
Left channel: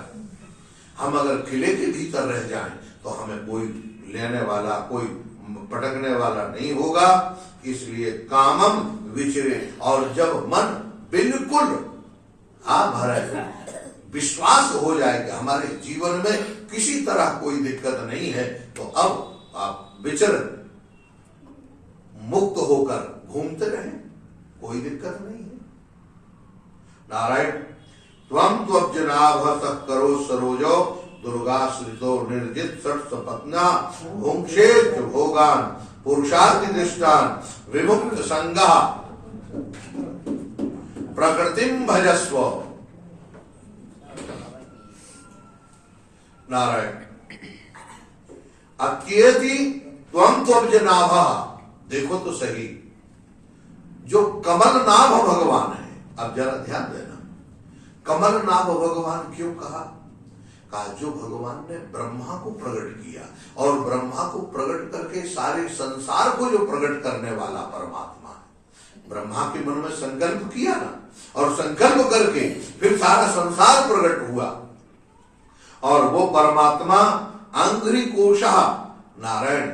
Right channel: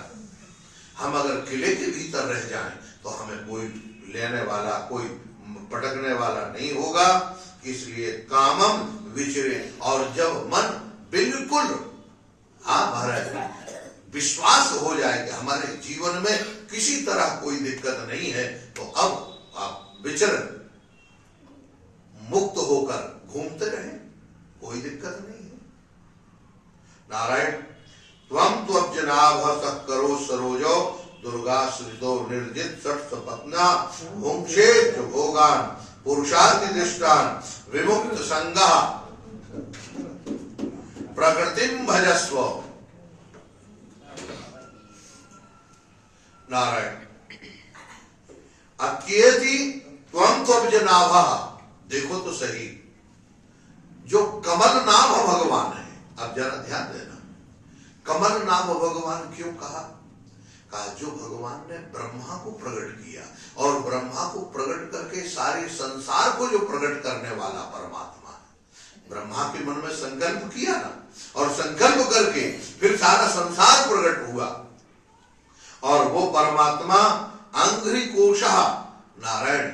हम अगर किले के भीतर रह जाएं तो हमें कोई लेने वाला, कोई पटकने वाला नहीं होगा। इसलिए कामम विचरे, और जब मन बिल्कुल महाराज विश्वास हो जाएगा हमारे जीवन में किसी तरह कोई दिक्कत नहीं है, तो अब आप विचर मुक्त होकर घूमते रहें, कोई दिक्कत नहीं है। नारायण त्वं त्वज्जनाभ करो सरोजो दुर्गाश्रितो निर्जित षट सपत्ना भुंक्षेत भोगान पुरुषार्थ दृष्टान विमुक्त संगा प्रकृतिम भजस्व। नारायण अत्येति त्वं त्वज्जनाभ, देखो तो सही, जो कमल नाभ भगवान है, अब जरा ध्यान देना, कमल नाभ भगवान क्यों कहा? जो भगवान ने ब्रह्मा को प्रकट किया, और ब्रह्मा को प्रकट करके सारे संसार को जो प्रकट करने वाला परमात्मा है। ब्रह्मा के मन में संकल्प किया ना, और संकल्प करके फिर सारा संसार प्रकट हुआ, और वो परमात्मा अंघ्रिकोशः नारायण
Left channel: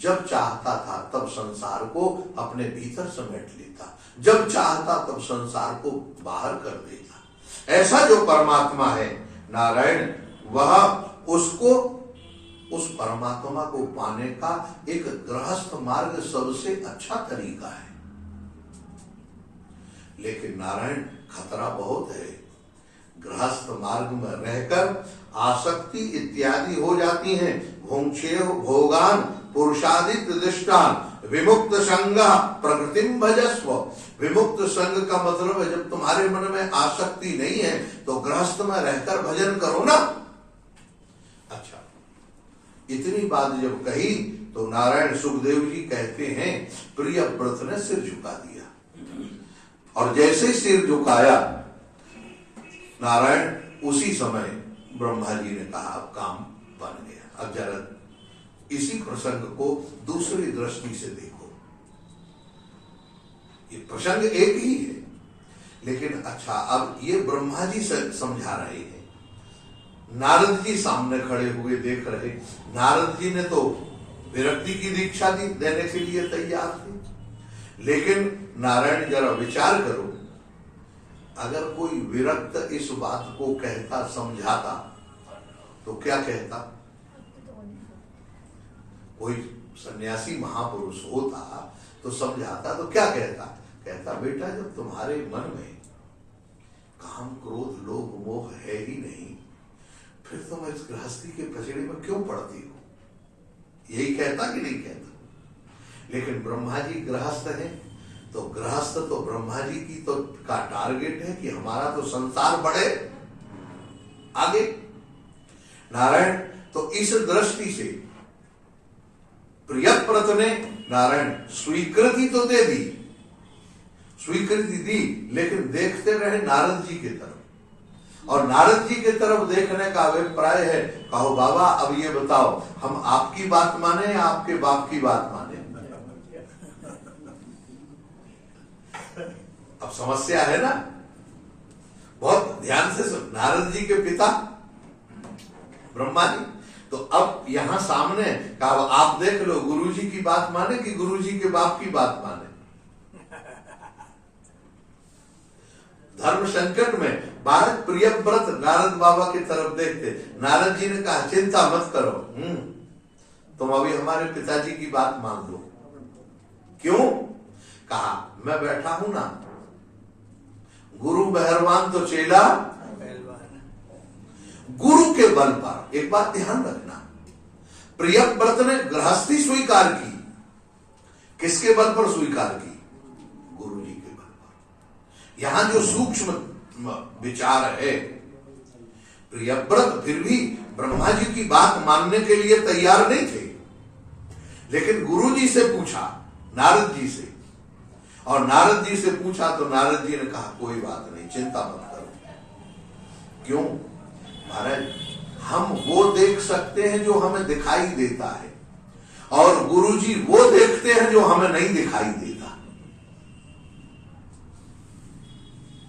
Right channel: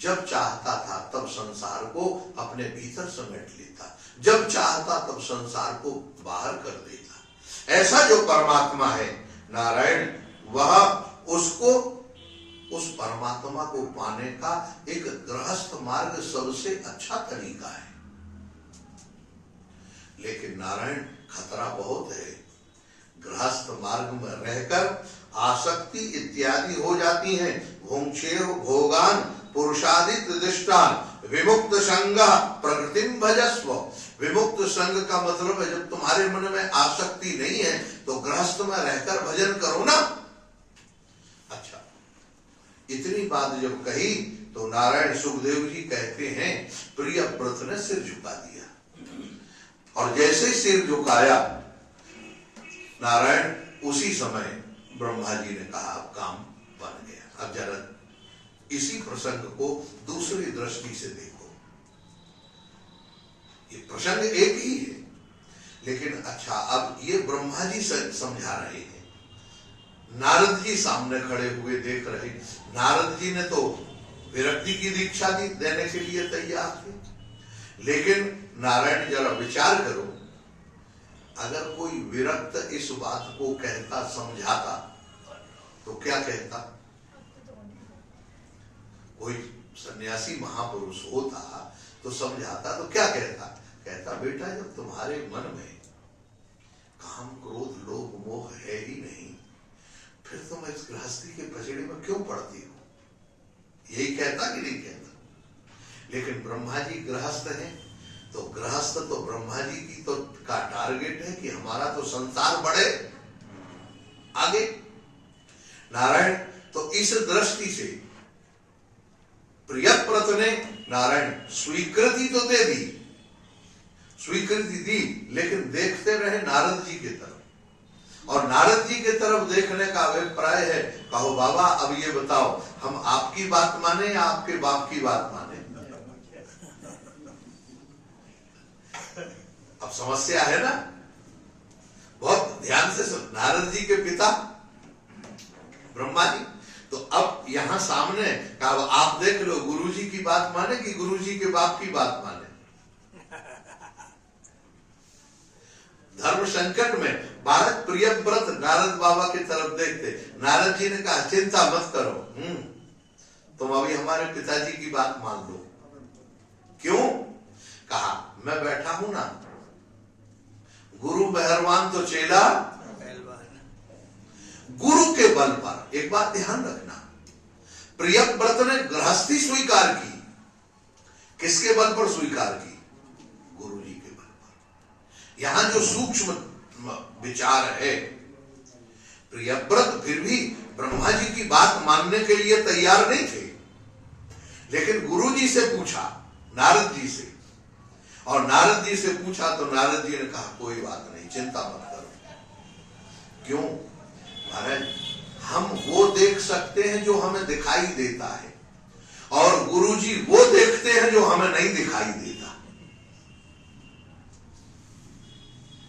जब चाहता था तब संसार को अपने भीतर समेट लेता, जब चाहता तब संसार को बाहर कर देता। ऐसा जो परमात्मा है नारायण, वह उसको, उस परमात्मा को पाने का एक गृहस्थ मार्ग सबसे अच्छा तरीका है। लेकिन नारायण खतरा बहुत है। गृहस्थ मार्ग में रहकर आसक्ति इत्यादि हो जाती हैं। भोंक्षेय भोगान पुरुषादित दृष्टान विमुक्त संग प्रकृतिम भजस्व। विमुक्त संग का मतलब है जब तुम्हारे मन में आसक्ति नहीं है तो गृहस्थ में रहकर भजन करो ना। अच्छा, इतनी बात जब कही तो नारायण सुखदेव जी कहते हैं प्रियव्रत ने सिर झुका दिया, और जैसे सिर झुकाया नारायण, उसी समय ब्रह्मा जी ने कहा अब काम बन गया। अब जरा इसी प्रसंग को दूसरी दृष्टि से देखो। ये प्रसंग एक ही है, लेकिन अच्छा अब ये ब्रह्मा जी समझा रहे हैं, नारद जी सामने खड़े हुए देख रहे। नारद जी ने तो विरक्ति की दीक्षा दी, देने के लिए तैयार थे। लेकिन नारायण जरा विचार करो, अगर कोई विरक्त इस बात को कहता, समझाता, तो क्या कहता? कोई सन्यासी महापुरुष होता तो समझाता तो क्या कहता? कहता बेटा जब तुम्हारे मन में काम क्रोध लोभ मोह है ही नहीं, फिर तुम इस गृहस्थी के पचड़े में क्यों पड़ती हो? यही कहता कि नहीं कहता? लेकिन ब्रह्मा जी गृहस्थ हैं, तो गृहस्थ तो ब्रह्मा जी की तो का टारगेट है कि हमारा तो संसार बढ़े आगे। नारायण तो इस दृष्टि से प्रियव्रत ने नारायण स्वीकृति तो दे दी, स्वीकृति दी, लेकिन देखते रहे नारद जी की तरफ। और नारद जी की तरफ देखने का अभिप्राय है, कहो बाबा अब ये बताओ हम आपकी बात माने या आपके बाप की बात माने? अब समस्या है ना, बहुत ध्यान से सुन। नारद जी के पिता ब्रह्मा जी, तो अब यहां सामने कहा आप देख लो गुरु जी की बात माने कि गुरु जी के बाप की बात माने। धर्म संकट में बालक प्रियव्रत नारद बाबा की तरफ देखते। नारद जी ने कहा चिंता मत करो, तुम अभी हमारे पिताजी की बात मान लो। क्यों? कहा मैं बैठा हूं ना, गुरु मेहरबान तो चेला गुरु के बल पर। एक बात ध्यान रखना, प्रियव्रत ने गृहस्थी स्वीकार की, किसके बल पर स्वीकार की? गुरु जी के बल पर। यहां जो सूक्ष्म विचार है, प्रियव्रत फिर भी ब्रह्मा जी की बात मानने के लिए तैयार नहीं थे, लेकिन गुरु जी से पूछा, नारद जी से, और नारद जी से पूछा तो नारद जी ने कहा कोई बात नहीं, चिंता मत करो। क्यों? महाराज हम वो देख सकते हैं जो हमें दिखाई देता है, और गुरु जी वो देखते हैं जो हमें नहीं दिखाई देता।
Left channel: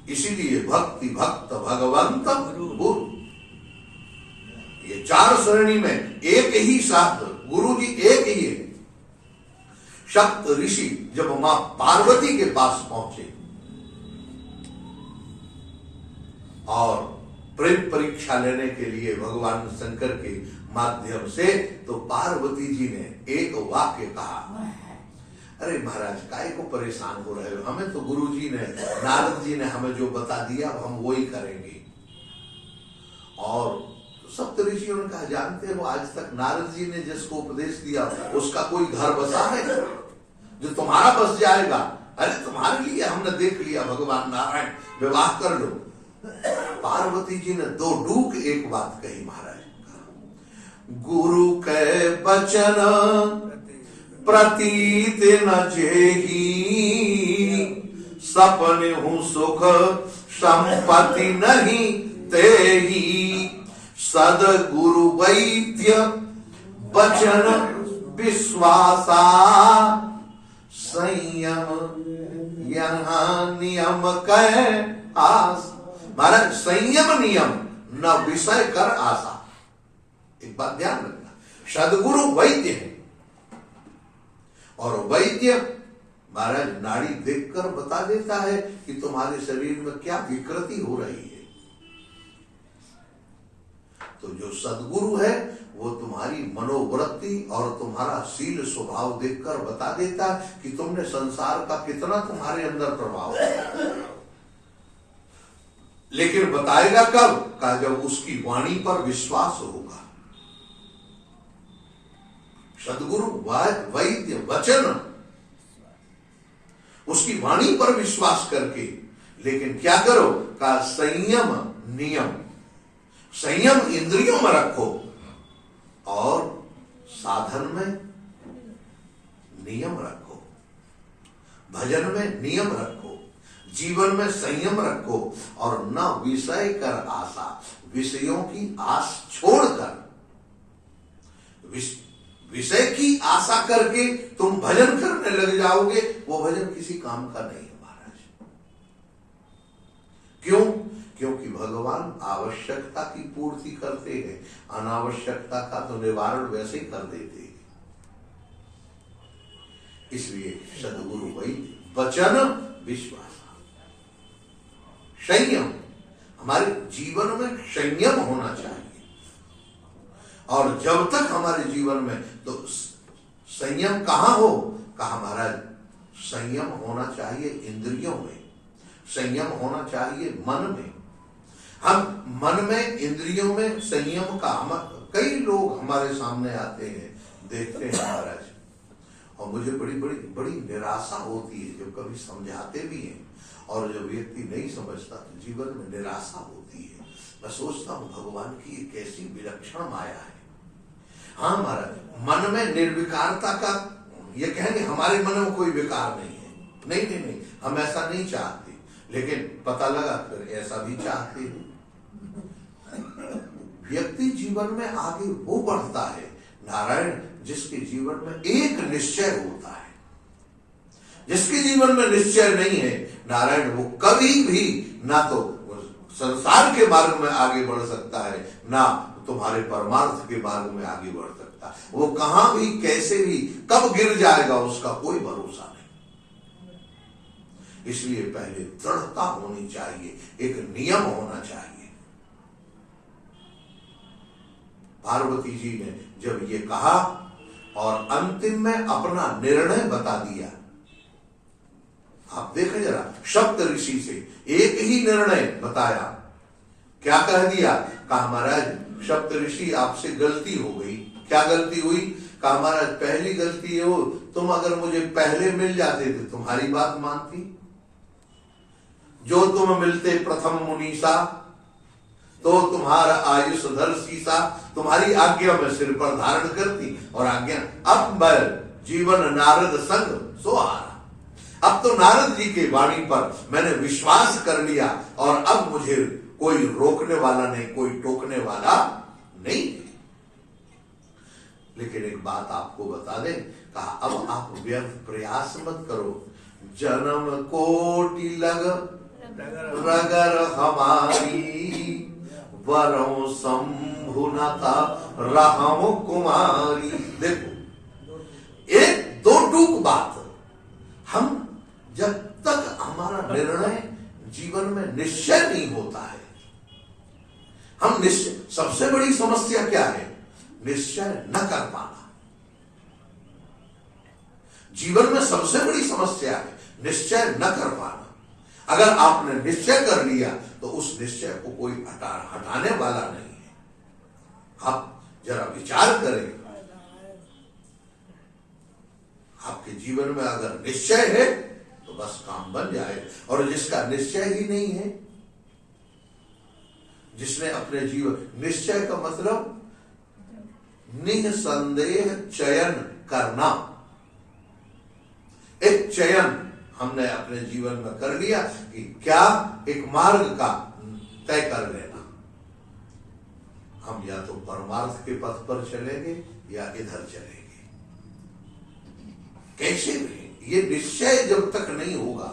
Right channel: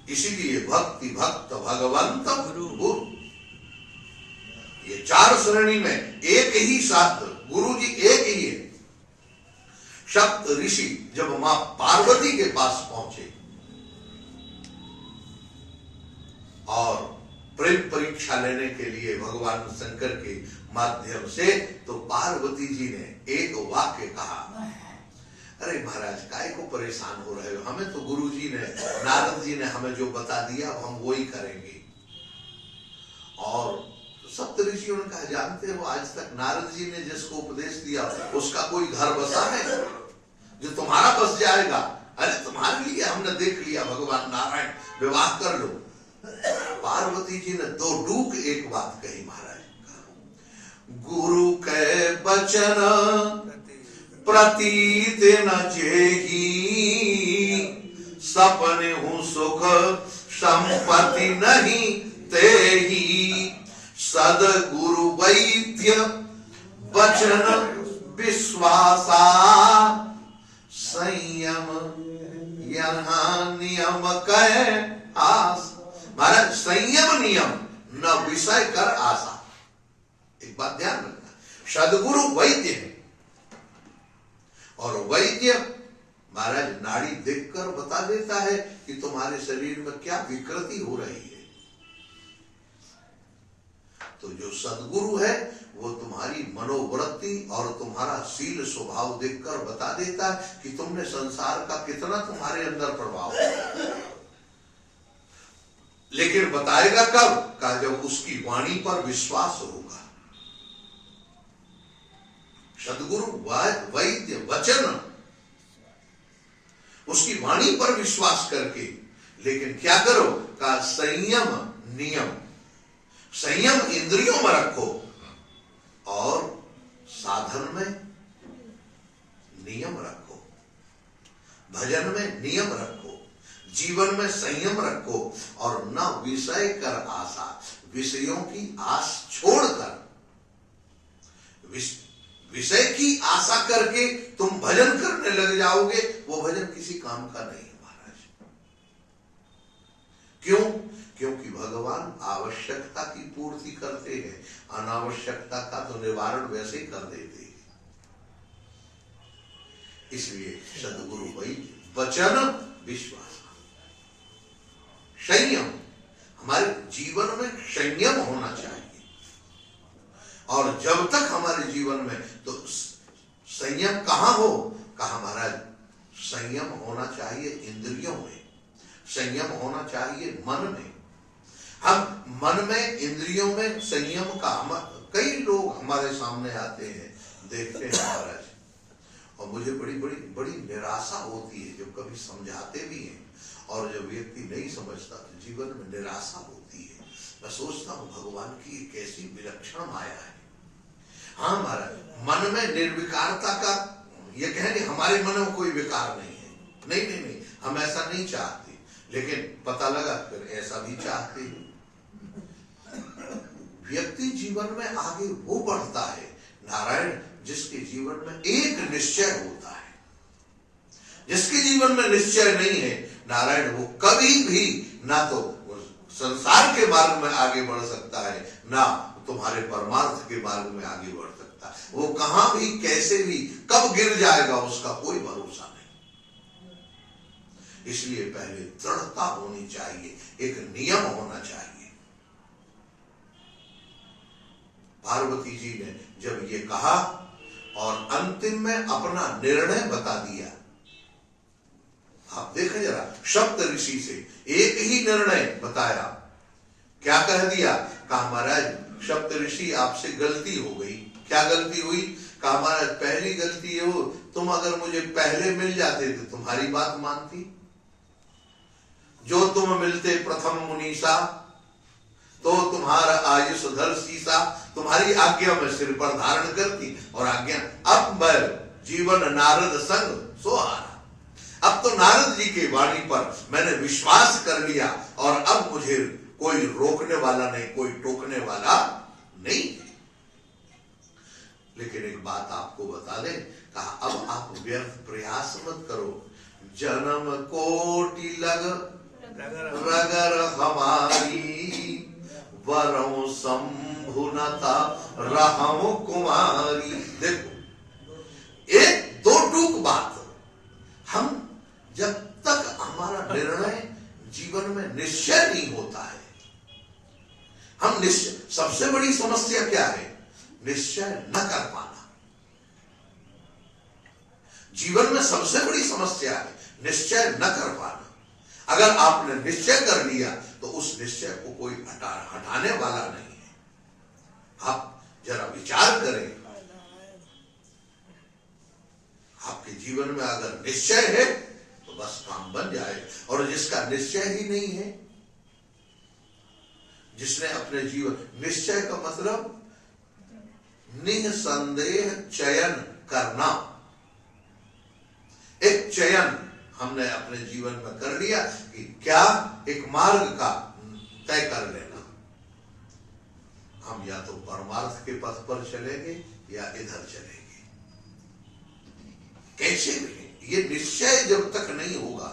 इसीलिए भक्ति भक्त भगवंत गुरु, ये चार श्रेणी में एक ही साथ गुरु जी एक ही है। सप्त ऋषि जब मां पार्वती के पास पहुंचे और प्रेम परीक्षा लेने के लिए भगवान शंकर के माध्यम से, तो पार्वती जी ने एक वाक्य कहा, अरे महाराज काहे को परेशान हो रहे हो, हमें तो गुरु जी ने, नारद जी ने हमें जो बता दिया हम वो ही करेंगे। और सप्त ऋषियों ने कहा जानते हो आज तक नारद जी ने जिसको उपदेश दिया उसका कोई घर बसा है जो तुम्हारा बस जाएगा? अरे तुम्हारे लिए हमने देख लिया, भगवान नारायण विवाह कर लो। पार्वती जी ने दो डूक एक बात कही महाराज, गुरु के बचन प्रतीत न जेही, सपने हूं सुख संपत्ति नहीं तेही, सदगुरु वैद्य वचन विश्वासा, संयम यहाँ नियम कह आस। महाराज संयम नियम न विषय कर आशा। एक बात ध्यान रखना, सदगुरु वैद्य है, और वैद्य महाराज नाड़ी देखकर बता देता है कि तुम्हारे शरीर में क्या विकृति हो रही है। तो जो सदगुरु है वो तुम्हारी मनोवृत्ति और तुम्हारा शील स्वभाव देखकर बता देता कि तुमने संसार का कितना तुम्हारे अंदर प्रभाव है। लेकिन बताएगा कब? का जब उसकी वाणी पर विश्वास होगा। सदगुरु वैद्य वचन, उसकी वाणी पर विश्वास करके, लेकिन क्या करो? का संयम नियम, संयम इंद्रियों में रखो और साधन में नियम रखो, भजन में नियम रखो, जीवन में संयम रखो, और न विषय कर आशा, विषयों की आस छोड़कर, विषय की आशा करके तुम भजन करने लग जाओगे, वो भजन किसी काम का नहीं है महाराज। क्यों? क्योंकि भगवान आवश्यकता की पूर्ति करते हैं, अनावश्यकता का तो निवारण वैसे ही कर देते हैं। इसलिए सदगुरु वैद्य वचन विश्वास, संयम, हमारे जीवन में संयम होना चाहिए। और जब तक हमारे जीवन में, तो संयम कहां हो? कहा महाराज, संयम होना चाहिए इंद्रियों में, संयम होना चाहिए मन में। हम मन में, इंद्रियों में संयम का, कई लोग हमारे सामने आते हैं, देखते हैं महाराज, और मुझे बड़ी निराशा होती है जब कभी समझाते भी हैं, और जब व्यक्ति नहीं समझता तो जीवन में निराशा होती है। मैं सोचता हूं भगवान की कैसी विलक्षण माया है। हाँ महाराज, मन में निर्विकारता का, ये कहेंगे हमारे मन में कोई विकार नहीं है, नहीं, हम ऐसा नहीं चाहते, लेकिन पता लगा फिर ऐसा भी चाहते हैं। व्यक्ति जीवन में आगे वो बढ़ता है नारायण जिसके जीवन में एक निश्चय होता है। जिसके जीवन में निश्चय नहीं है नारायण, वो कभी भी ना तो संसार के मार्ग में आगे बढ़ सकता है, ना तुम्हारे परमार्थ के मार्ग में आगे बढ़ सकता है। वो कहां भी, कैसे भी, कब गिर जाएगा उसका कोई भरोसा नहीं। इसलिए पहले दृढ़ता होनी चाहिए, एक नियम होना चाहिए। पार्वती जी ने जब ये कहा और अंतिम में अपना निर्णय बता दिया, आप देखें जरा, सप्त ऋषि से एक ही निर्णय बताया, क्या कह दिया? कहा महाराज सप्त ऋषि आपसे गलती हो गई। क्या गलती हुई? कहा महाराज पहली गलती हो, तुम अगर मुझे पहले मिल जाते तो तुम्हारी बात मानती, जो तुम मिलते प्रथम मुनीसा तो तुम्हारा आयुष धर सीसा, तुम्हारी आज्ञा में सिर पर धारण करती, और आज्ञा अब मैं जीवन नारद संग सोहारा। अब तो नारद जी के वाणी पर मैंने विश्वास कर लिया, और अब मुझे कोई रोकने वाला नहीं, कोई टोकने वाला नहीं। लेकिन एक बात आपको बता दें, कहा अब आप व्यर्थ प्रयास मत करो, जन्म कोटि लग रगर हमारी, वरों शंभुनता रहम कुमारी। देखो एक दो टूक बात, हम जब तक हमारा निर्णय जीवन में निश्चय नहीं होता है, हम निश्चय, सबसे बड़ी समस्या क्या है? निश्चय न कर पाना। जीवन में सबसे बड़ी समस्या है निश्चय न कर पाना। अगर आपने निश्चय कर लिया तो उस निश्चय को कोई हटाने वाला नहीं है। आप जरा विचार करें, आपके जीवन में अगर निश्चय है तो बस काम बन जाए, और जिसका निश्चय ही नहीं है, जिसने अपने जीवन, निश्चय का मतलब निसंदेह चयन करना। एक चयन हमने अपने जीवन में कर लिया कि क्या, एक मार्ग का तय कर लेना, हम या तो परमार्थ के पथ पर चलेंगे या इधर चलेंगे, कैसे भी। ये निश्चय जब तक नहीं होगा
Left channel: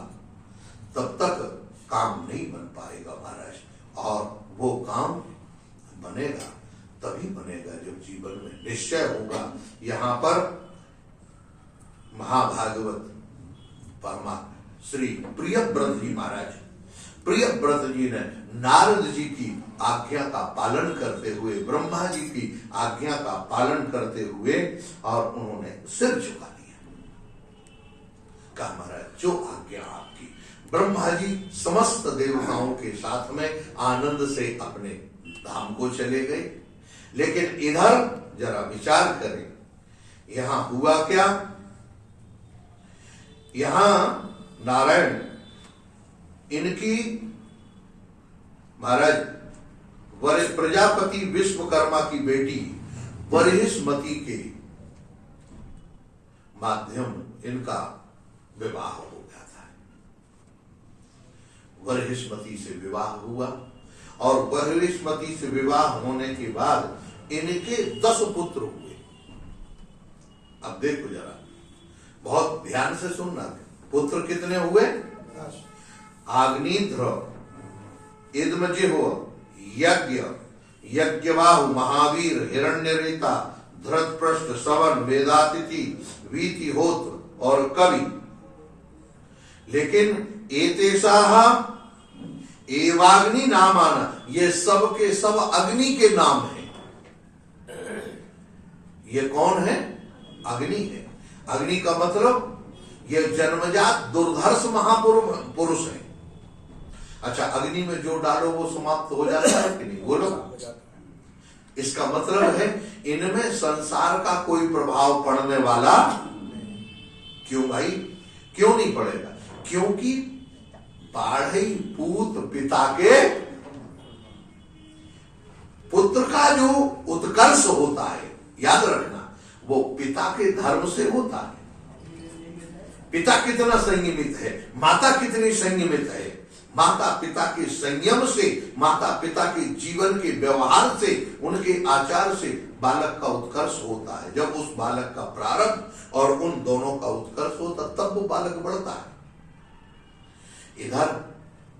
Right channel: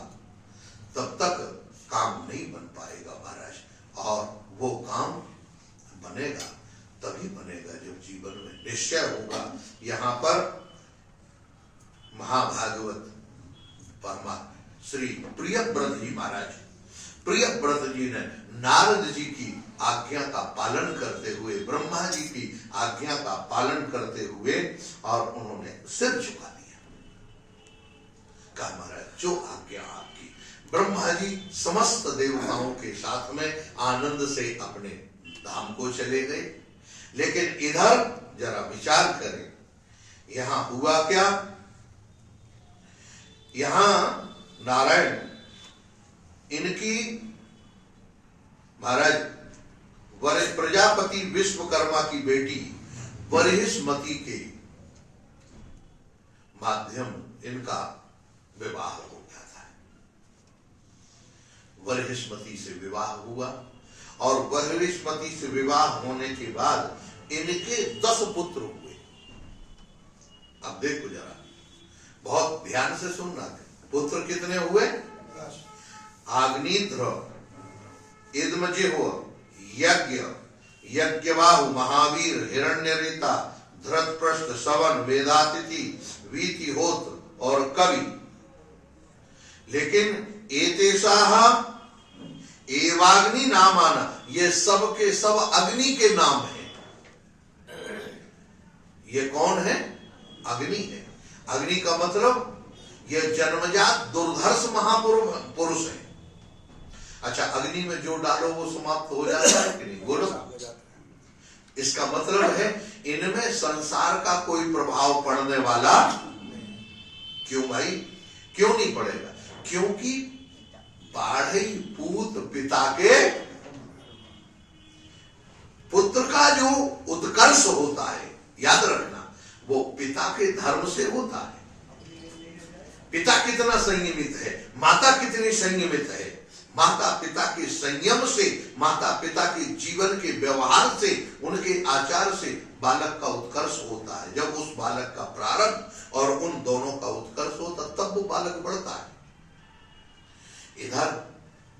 तब तक काम नहीं बन पाएगा महाराज, और वो काम बनेगा तभी बनेगा जब निश्चय होगा। यहाँ पर महाभागवत परमात्मा श्री प्रियव्रत जी महाराज, प्रियव्रत जी ने नारद जी की आज्ञा का पालन करते हुए, ब्रह्मा जी की आज्ञा का पालन करते हुए, और उन्होंने सिर झुका दिया। कहा महाराज जो आज्ञा आपकी। ब्रह्मा जी समस्त देवताओं के साथ में आनंद से अपने धाम को चले गए। लेकिन इधर जरा विचार करें, यहां हुआ क्या? यहां नारायण इनकी महाराज प्रजापति विश्वकर्मा की बेटी बृहस्पति के माध्यम इनका विवाह हो गया था। बृहस्पति से विवाह हुआ, और बृहस्पति से विवाह होने के बाद इनके 10 पुत्र हुए। अब देखो जरा, बहुत ध्यान से सुनना। पुत्र कितने हुए? आग्निध्र, इद्मजिह्व, यज्ञ, यज्ञबाहु, महावीर, हिरण्यरेता, धृतपृष्ठ, सवन, वेदातिथि, वीतिहोत्र और कवि। लेकिन एतेषाः एवाग्नि नामाना, ये सब के सब अग्नि के नाम हैं। ये कौन है? अग्नि है। अग्नि का मतलब ये जन्मजात दुर्धर्ष महापुरुष है। अच्छा, अग्नि में जो डालो वो समाप्त हो जाता है कि नहीं? बोलो। इसका मतलब है इनमें संसार का कोई प्रभाव पड़ने वाला। क्यों भाई? क्यों नहीं पड़ेगा? क्योंकि बाढ़ई पूत पिता के पुत्र का जो उत्कर्ष होता है, याद रखना, वो पिता के धर्म से होता है। पिता कितना संयमित है, माता कितनी संयमित है, माता पिता के संयम से, माता पिता के जीवन के व्यवहार से, उनके आचार से बालक का उत्कर्ष होता है। जब उस बालक का प्रारंभ और उन दोनों का उत्कर्ष होता, तब वो बालक बढ़ता है। इधर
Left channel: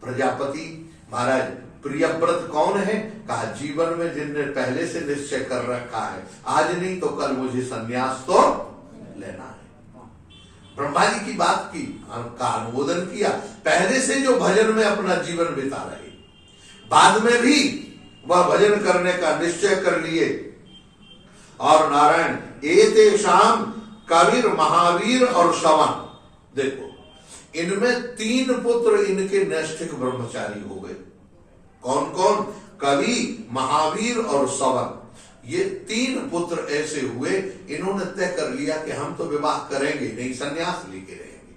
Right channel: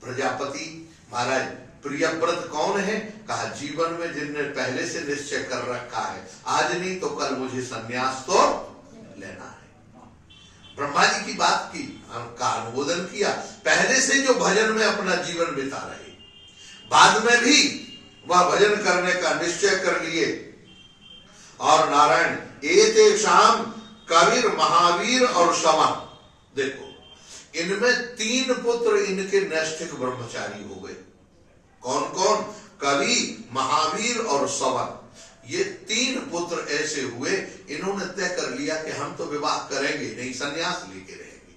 प्रजापति महाराज प्रियव्रत कौन है? कहा जीवन में जिनने पहले से निश्चय कर रखा है, आज नहीं तो कल मुझे संन्यास तो लेना है। ब्रह्मा जी की बात की का अनुमोदन किया। पहले से जो भजन में अपना जीवन बिता रहे, बाद में भी वह भजन करने का निश्चय कर लिए। और नारायण एतेषाम कविर, महावीर और सवन। देखो, इनमें 3 पुत्र इनके नैष्ठिक ब्रह्मचारी हो गए। कौन कौन? कवि, महावीर और सवन। ये 3 पुत्र ऐसे हुए, इन्होंने तय कर लिया कि हम तो विवाह करेंगे नहीं, संन्यास लेके रहेंगे,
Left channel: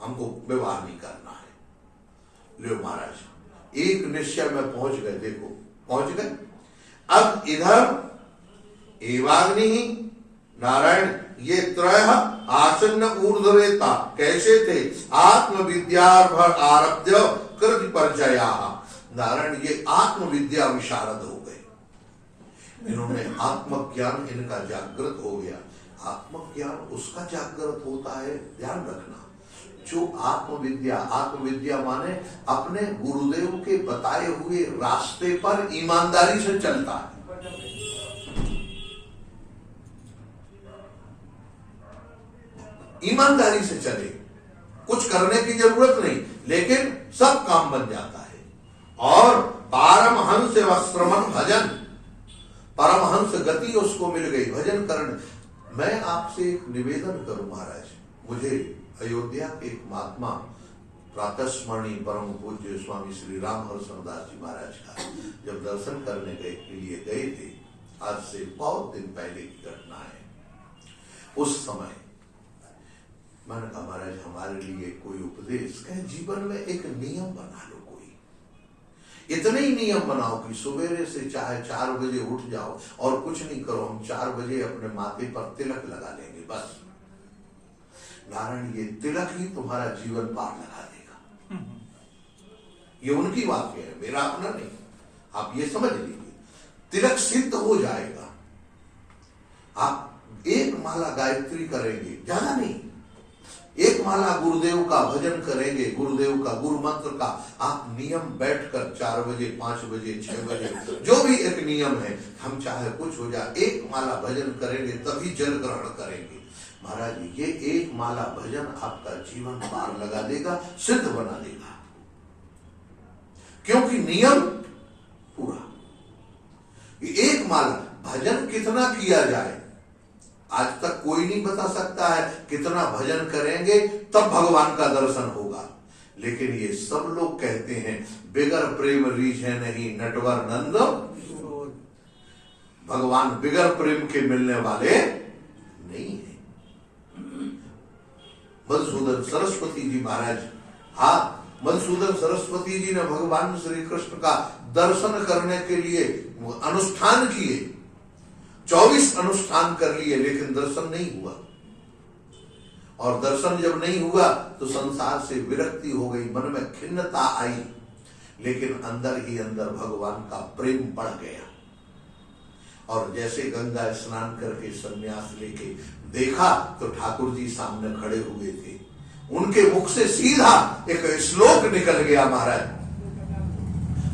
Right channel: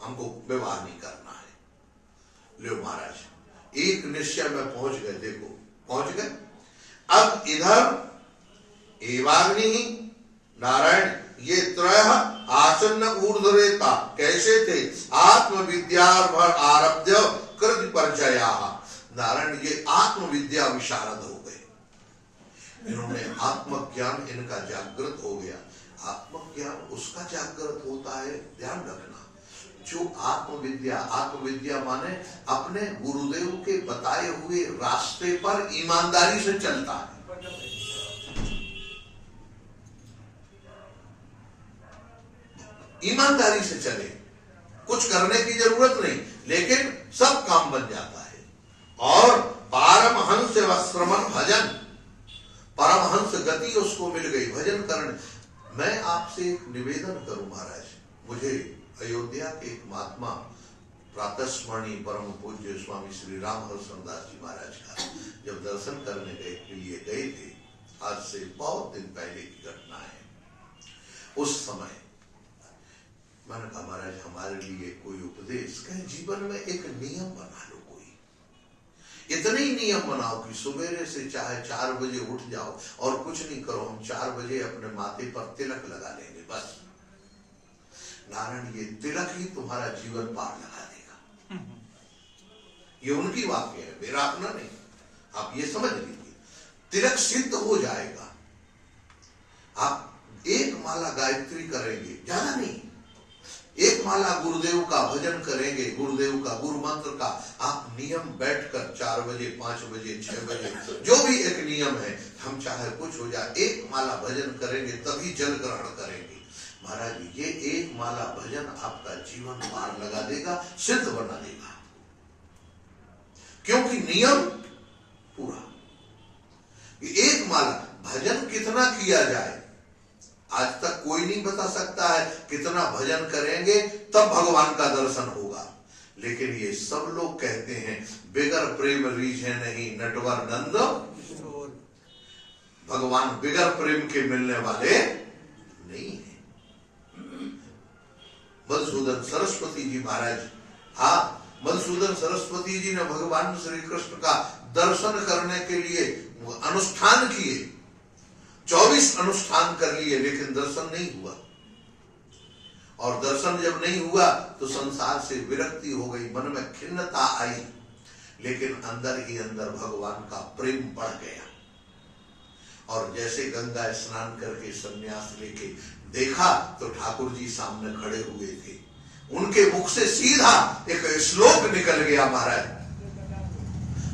हमको विवाह नहीं करना है। लो महाराज, एक निश्चय में पहुंच गए। देखो, पहुंच गए। अब इधर एवाग्नि नारायण ये त्रयः आसन्न ऊर्ध्वरेता कैसे थे? आत्मविद्यार्भर आरभ्य कृति परिचया। नारायण ये आत्मविद्या विशारद हो गए। इन्होंने आत्मज्ञान इनका जागृत हो गया। आत्मज्ञान उसका जागृत होता है, ध्यान रखना, जो आत्मविद्या, आत्मविद्या माने अपने गुरुदेव के बताए हुए रास्ते पर ईमानदारी से चलता है। ईमानदारी से चले, कुछ करने की जरूरत नहीं, लेकिन सब काम बन जाता है। और पारमहंस श्रमण भजन, परमहंस गति उसको मिल गई भजन करने। मैं आपसे एक निवेदन करूं महाराज, मुझे अयोध्या के एक महात्मा प्रातस्मरणीय परम पूज्य स्वामी श्री राम हरसनदास जी महाराज का जब दर्शन करने के लिए गए थे, आज से बहुत दिन पहले की घटना है। उस समय मैंने कहा महाराज हमारे लिए कोई उपदेश, कहे जीवन में एक नियम बना लो, कोई इतने ही नियम बनाओ कि सवेरे से चाहे 4 बजे उठ जाओ और कुछ नहीं करो, हम 4 बजे अपने माथे पर तिलक लगा लेंगे बस। नारायण ये तिलक ही तुम्हारा जीवन पार लगा देगा। ये उनकी वाक्य है, मेरा अपना नहीं, आप ये समझ लीजिए। तिलक सिद्ध हो जाएगा। आप 1 माला गायत्री करेंगे, ज्यादा नहीं, एक माला गुरुदेव का भजन करेंगे, गुरुदेव का गुरु मंत्र का आप नियम बैठकर 4 बजे 5 बजे 6 बजे जो भी एक नियम है, हम चाहे कुछ हो जाए, एक माला भजन करेंगे तभी जल ग्रहण करेंगे। महाराज ये एक माला भजन आपका जीवन पार लगा देगा, सिद्ध बना देगा, क्योंकि नियम पूरा। एक माला भजन कितना किया जाए आज तक कोई नहीं बता सकता है, कितना भजन करेंगे तब भगवान का दर्शन होगा। लेकिन ये सब लोग कहते हैं बिगर प्रेम रीझे नहीं नटवर नंद, भगवान बिगर प्रेम के मिलने वाले नहीं है। मधुसूदन सरस्वती जी महाराज, हाँ मधुसूदन सरस्वती जी ने भगवान श्री कृष्ण का दर्शन करने के लिए अनुष्ठान किए, 24 अनुष्ठान कर लिए, लेकिन दर्शन नहीं हुआ। और दर्शन जब नहीं हुआ तो संसार से विरक्ति हो गई, मन में खिन्नता आई, लेकिन अंदर ही अंदर भगवान का प्रेम बढ़ गया। और जैसे गंगा स्नान करके संन्यास लेके देखा तो ठाकुर जी सामने खड़े हुए थे, उनके मुख से सीधा एक श्लोक निकल गया महाराज।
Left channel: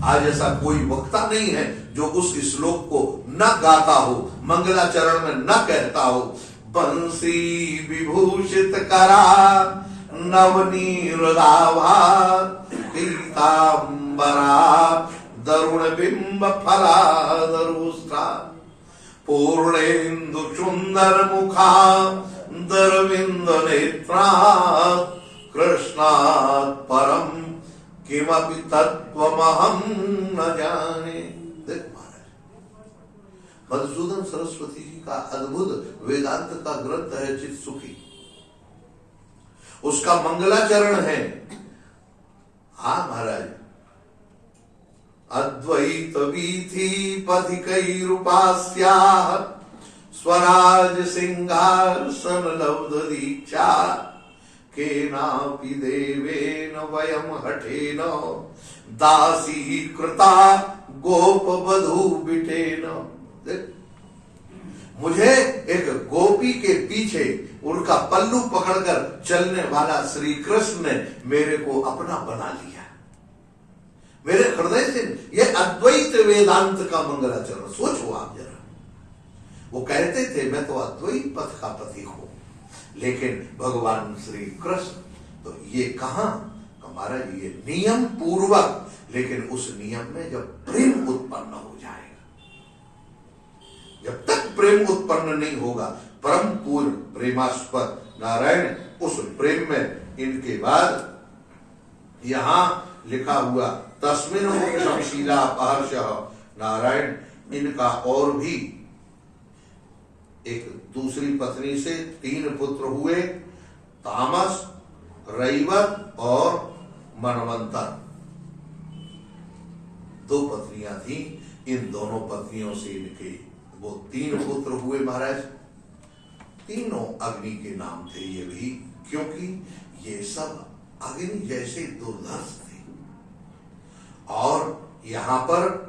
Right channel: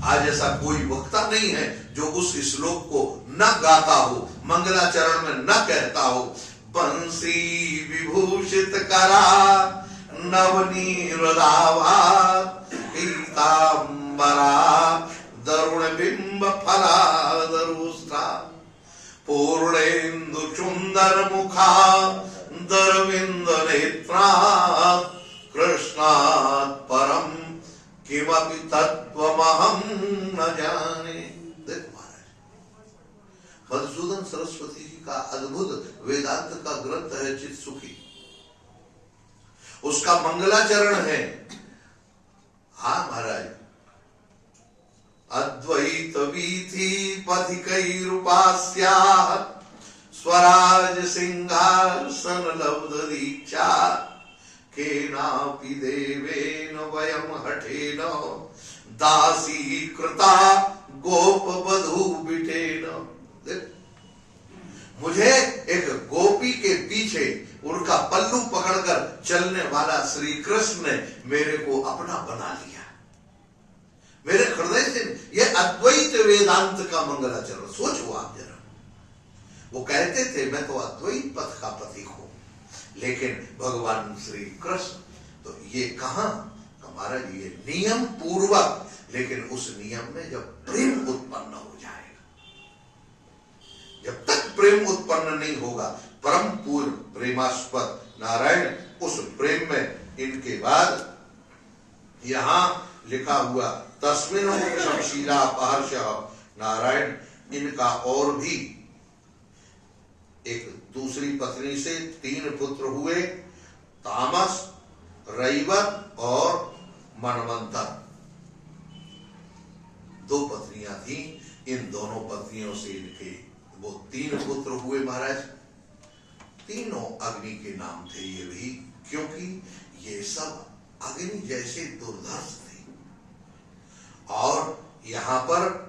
आज ऐसा कोई वक्ता नहीं है जो उस श्लोक को न गाता हो, मंगलाचरण में न कहता हो। बंसी विभूषित करा नवनीरदाभा पीतांबरा दरुण बिंब फलादरुष्टा पूर्णेन्दु सुंदर मुखा दरविंद नेत्रा कृष्णात् परम किमपि तत्त्वमहं न जाने। देख महाराज, मधुसूदन सरस्वती जी का अद्भुत वेदांत का ग्रंथ है चित सुखी, उसका मंगलाचरण है। हाँ महाराज, अद्वैत वीथि पथिकैरुपास्याः स्वराज सिंहासन लब्ध दीक्षा केनापि देवेन वयम हठेन दासी कृता गोप बधू बिटेन। मुझे एक गोपी के पीछे उनका पल्लू पकड़कर चलने वाला श्री कृष्ण ने मेरे को अपना बना लिया, मेरे हृदय से। ये अद्वैत वेदांत का मंगलाचरण सोचो आप जरा। वो कहते थे मैं तो अद्वैत पथ का पथिक हूं, लेकिन भगवान श्री कृष्ण तो ये कहां हमारा ये नियम पूर्वक, लेकिन उस नियम में जब प्रेम उत्पन्न हो जाएगा, जब तक प्रेम उत्पन्न नहीं होगा, परम पूर्ण प्रेमास्पद नारायण, उस प्रेम में इनके बाद यहां लिखा हुआ तस्मिन् शमशीला पहर्ष नारायण, इनका और भी एक दूसरी पत्नी से 3 पुत्र हुए, तामस, रैवत और मनवंतर। 2 पत्नियां थी, इन दोनों पत्नियों से इनके वो 3 पुत्र हुए महाराज। तीनों अग्नि के नाम थे ये भी, क्योंकि ये सब अग्नि जैसे दुर्धर्ष थे। और यहां पर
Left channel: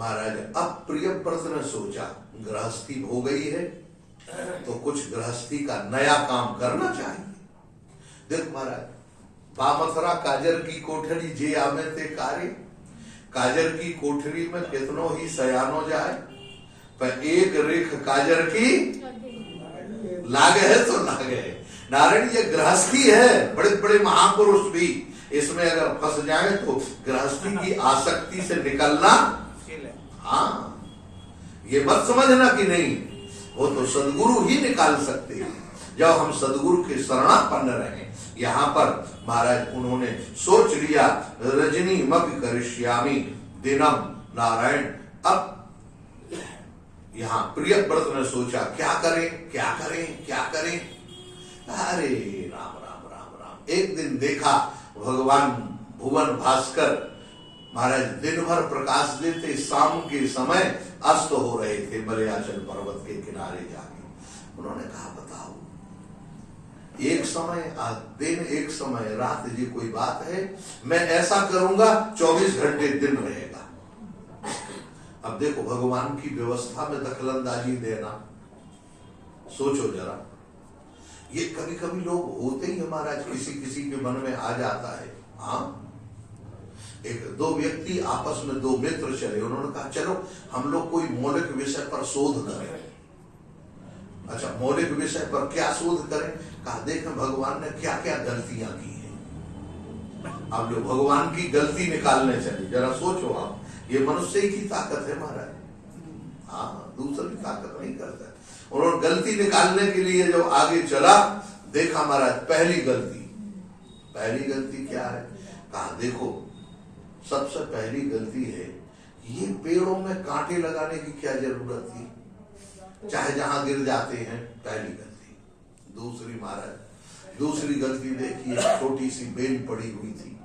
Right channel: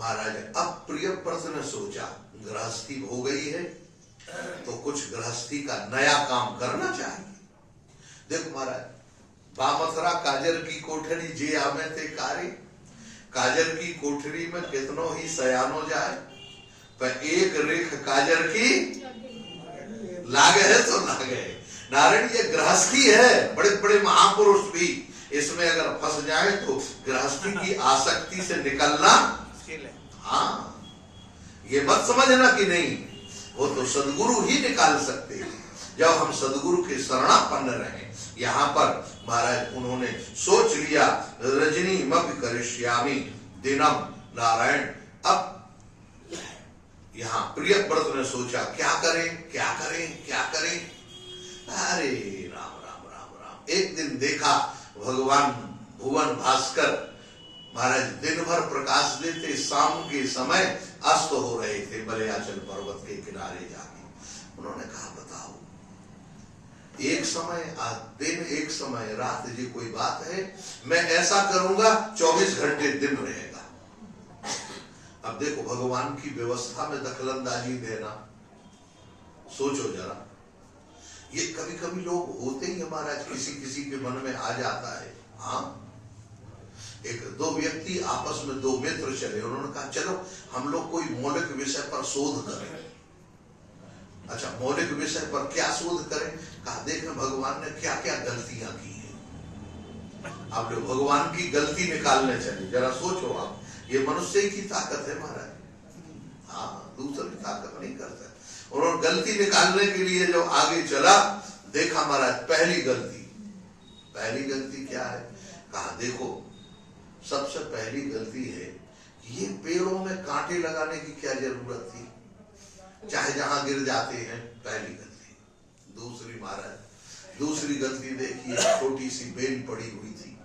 महाराज अब प्रियव्रत ने सोचा गृहस्थी हो गई है तो कुछ गृहस्थी का नया काम करना चाहिए। देख महाराज, बामथरा काजर की कोठरी जे आमे थे कारे, काजर की कोठरी में कितनो ही सयानो जाए, पर एक रेख काजर की लागे है तो लागे है। नारायण ये गृहस्थी है, बड़े बड़े महापुरुष भी इसमें अगर फंस जाए तो गृहस्थी की आसक्ति से निकलना, हाँ ये मत समझना कि नहीं, वो तो सदगुरु ही निकाल सकते हैं जब हम सदगुरु के शरणापन्न रहे। यहाँ पर महाराज उन्होंने सोच लिया रजनी मपि करिष्यामि दिनम नारायण। अब यहाँ प्रियव्रत ने सोचा क्या करें क्या करें क्या करें। अरे राम राम राम राम, एक दिन देखा भगवान भुवन भास्कर महाराज दिन भर प्रकाश देते, शाम के समय अस्त हो रहे थे मलयाचल पर्वत के किनारे जाके। उन्होंने कहा बताओ, एक समय दिन एक समय रात, ये कोई बात है? मैं ऐसा करूंगा 24 घंटे दिन रहेगा। अब देखो भगवान की व्यवस्था में दखलंदाजी देना, सोचो जरा। ये कभी कभी लोग होते ही हमारा किसी किसी के मन में आ जाता है। हाँ, एक दो व्यक्ति आपस में, दो मित्र चले, उन्होंने कहा चलो हम लोग कोई मौलिक विषय पर शोध करें। अच्छा, मौलिक विषय पर क्या शोध करें? कहा देखें भगवान ने क्या क्या गलतियां की हैं। आप लोग भगवान की गलती निकालने चले, जरा सोचो आप, ये मनुष्य की ताकत है महाराज। हाँ, दूसरी ताकत नहीं करता। उन्होंने गलती निकालने के लिए जब आगे चला, देखा महाराज पहली गलती क्या है? कहा देखो सबसे पहली गलती है, ये पेड़ों में कांटे लगाने की क्या जरूरत थी, चाहे जहां गिर जाते हैं, पहली गलती। दूसरी गलती देखिए, छोटी सी बेल पड़ी हुई थी,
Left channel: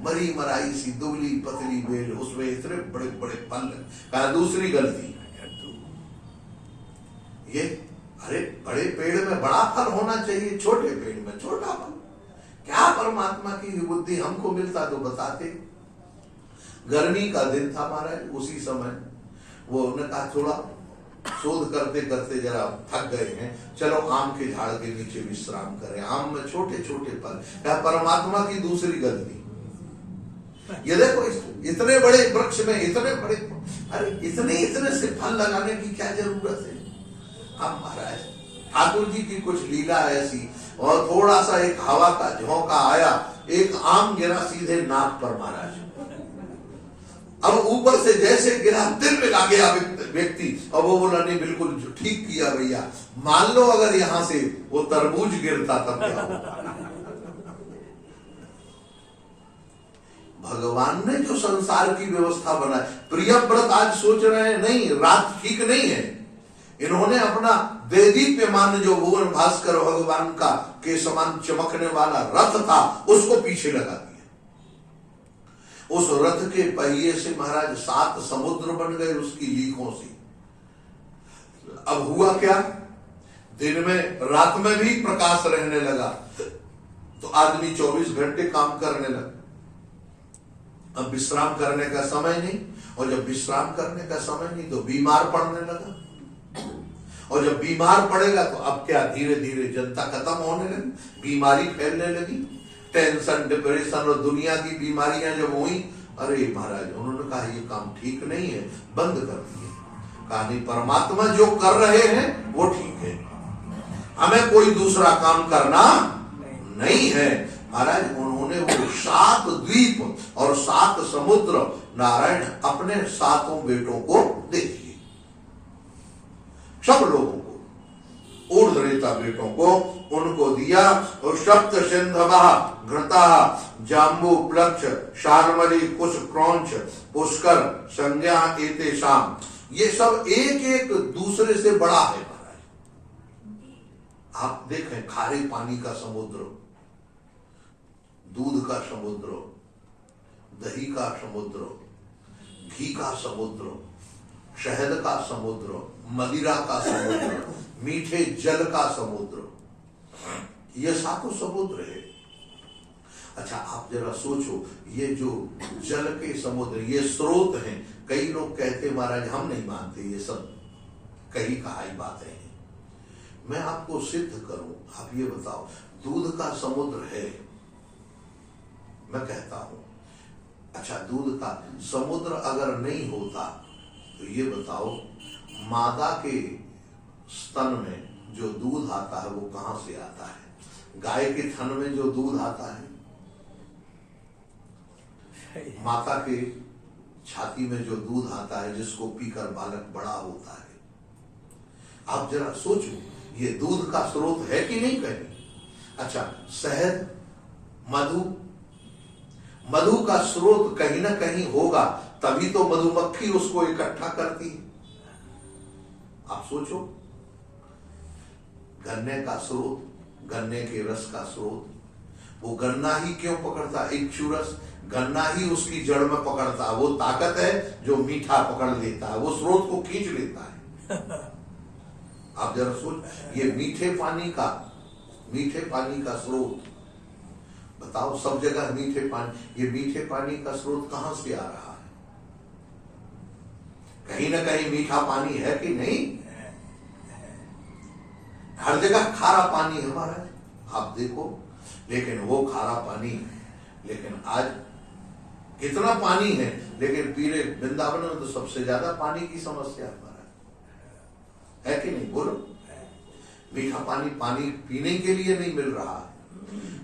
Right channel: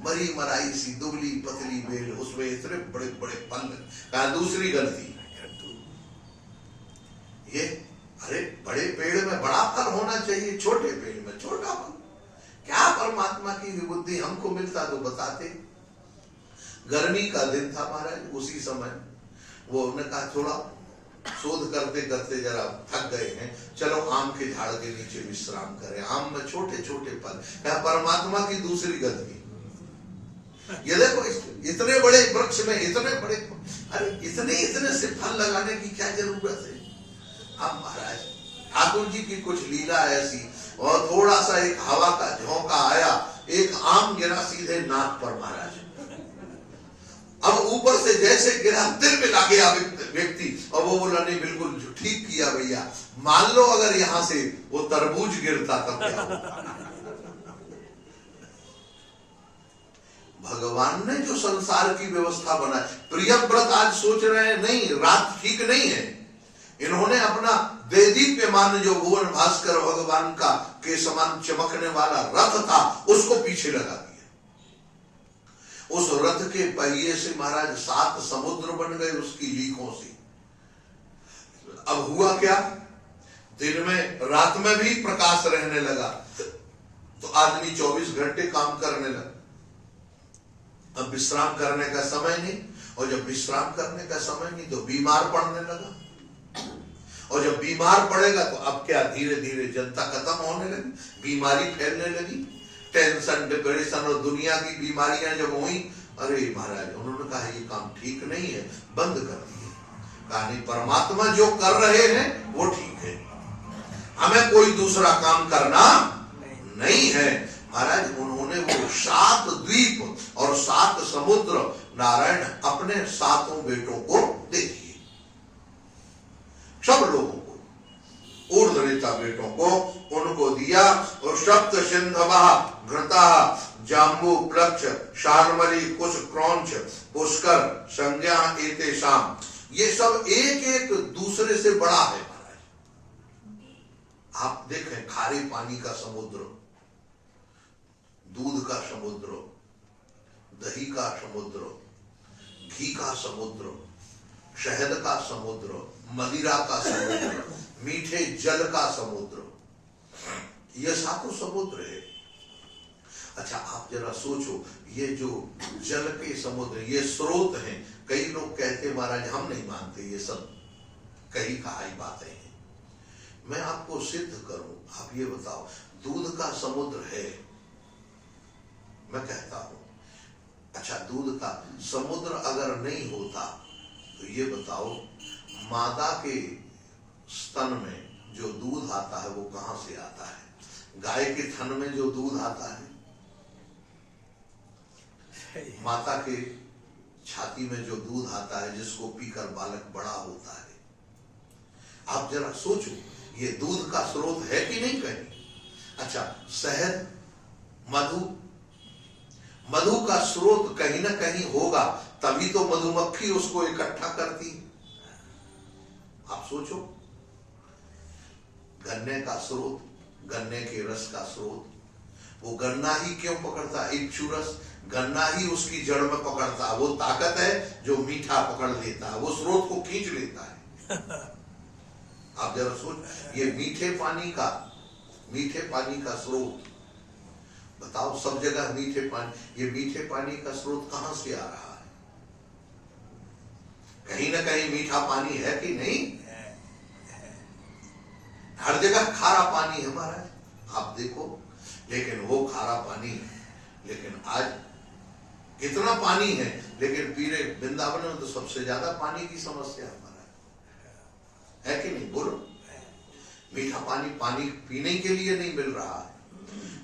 मरी मराई सी दुबली पतली बेल, उसमें इतने बड़े बड़े फल। कहा दूसरी गलती ये, अरे बड़े पेड़ में बड़ा फल होना चाहिए, छोटे पेड़ में छोटा फल। क्या परमात्मा की बुद्धि हमको मिलता तो बताते। गर्मी का दिन था महाराज, उसी समय वो उन्होंने कहा थोड़ा शोध करते करते जरा थक गए हैं, चलो आम के झाड़ के नीचे विश्राम करें। आम में छोटे छोटे फल। क्या परमात्मा की दूसरी गलती, ये देखो इतने बड़े वृक्ष में इतने बड़े, अरे इतने से फल लगाने की क्या जरूरत है। अब महाराज ठाकुर जी की कुछ लीला ऐसी, और थोड़ा सा एक हवा का झोंका आया, एक आम गिरा सीधे नाक पर महाराज। अब ऊपर से जैसे गिरा, दिल में आ गया व्यक्ति, और वो बोला नहीं बिल्कुल ठीक किया भैया, मान लो अगर यहां से वो तरबूज गिरता तब क्या होगा। भगवान ने जो संसार की व्यवस्था बनाई, प्रियव्रत आज सोच रहे हैं नहीं, रात ठीक नहीं है, इन्होंने अपना देदीप्यमान जो भुवन भास्कर भगवान का के समान चमकने वाला रथ था, उसको पीछे लगा दिया। उस रथ के पहिए से महाराज 7 समुद्र बन गए उसकी लीकों से। अब हुआ क्या, दिन में रात में भी प्रकाश रहने लगा, तो आदमी 24 घंटे काम करने लगा। अब विश्राम करने का समय नहीं, और जब विश्राम करने का समय नहीं तो बीमार पड़ने लगा, और जब बीमार पड़ेगा तो अब क्या, धीरे धीरे जनता खत्म होने लगी, बीमारी फैलने लगी, टेंशन डिप्रेशन और दुनिया की बीमारियां जब हुई, अरे महाराज उन्होंने कहा ये काम ठीक नहीं है, बंद कर दिए। कहा नहीं, परमात्मा जो कर रहे हैं वो ठीक है, हमें कोई दूसरा काम करना नहीं है। महाराज उन्होंने वो 7 द्वीप और 7 समुद्र नारायण अपने 7 बेटों को दे दिए, सब लोगों को, ऊर्ध्वरेता बेटों को उनको दिया। और सप्त सिंधवः घृतः जाम्बू प्लक्ष शार्मली कुश क्रौंच पुष्कर संज्ञा एतेषाम, ये सब एक एक दूसरे से बड़ा है महाराज। आप देखें, खारे पानी का समुद्र, दूध का समुद्र, दही का समुद्र, घी का समुद्र, शहद का समुद्र, मदिरा का समुद्र, मीठे जल का समुद्र, ये 7 समुद्र है। अच्छा आप जरा सोचो, ये जो जल के समुद्र, ये स्रोत हैं। कई लोग कहते महाराज हम नहीं मानते, ये सब कही कहाई बातें हैं। मैं आपको सिद्ध करूं, आप ये बताओ, दूध का समुद्र है, मैं कहता हूं, अच्छा दूध का समुद्र अगर नहीं होता तो ये बताओ, मादा के स्तन में जो दूध आता है वो कहां से आता है? गाय के थन में जो दूध आता है, माता के छाती में जो दूध आता है, जिसको पीकर बालक बड़ा होता है। आप जरा सोचो, ये दूध का स्रोत है कि नहीं कहीं? अच्छा शहद, मधु का स्रोत कहीं ना कहीं होगा, तभी तो मधुमक्खी उसको इकट्ठा करती। आप सोचो, गन्ने का स्रोत, गन्ने के रस का स्रोत, वो गन्ना ही क्यों पकड़ता? इक्षुरस, गन्ना ही उसकी जड़ में पकड़ता, वो ताकत है जो मीठा पकड़ लेता है, वो स्रोत को खींच लेता है। आप जरा सोच, ये मीठे पानी का स्रोत, बताओ सब जगह मीठे पानी, ये मीठे पानी का स्रोत कहां से आ रहा है? कहीं ना कहीं मीठा पानी है कि नहीं? हर जगह खारा पानी है महाराज, आप देखो। लेकिन वो खारा पानी, लेकिन आज कितना पानी है, लेकिन पीरे वृंदावन में तो सबसे ज्यादा पानी की समस्या है महाराज, है कि नहीं? बोलो, मीठा पानी पानी पीने के लिए नहीं मिल रहा है।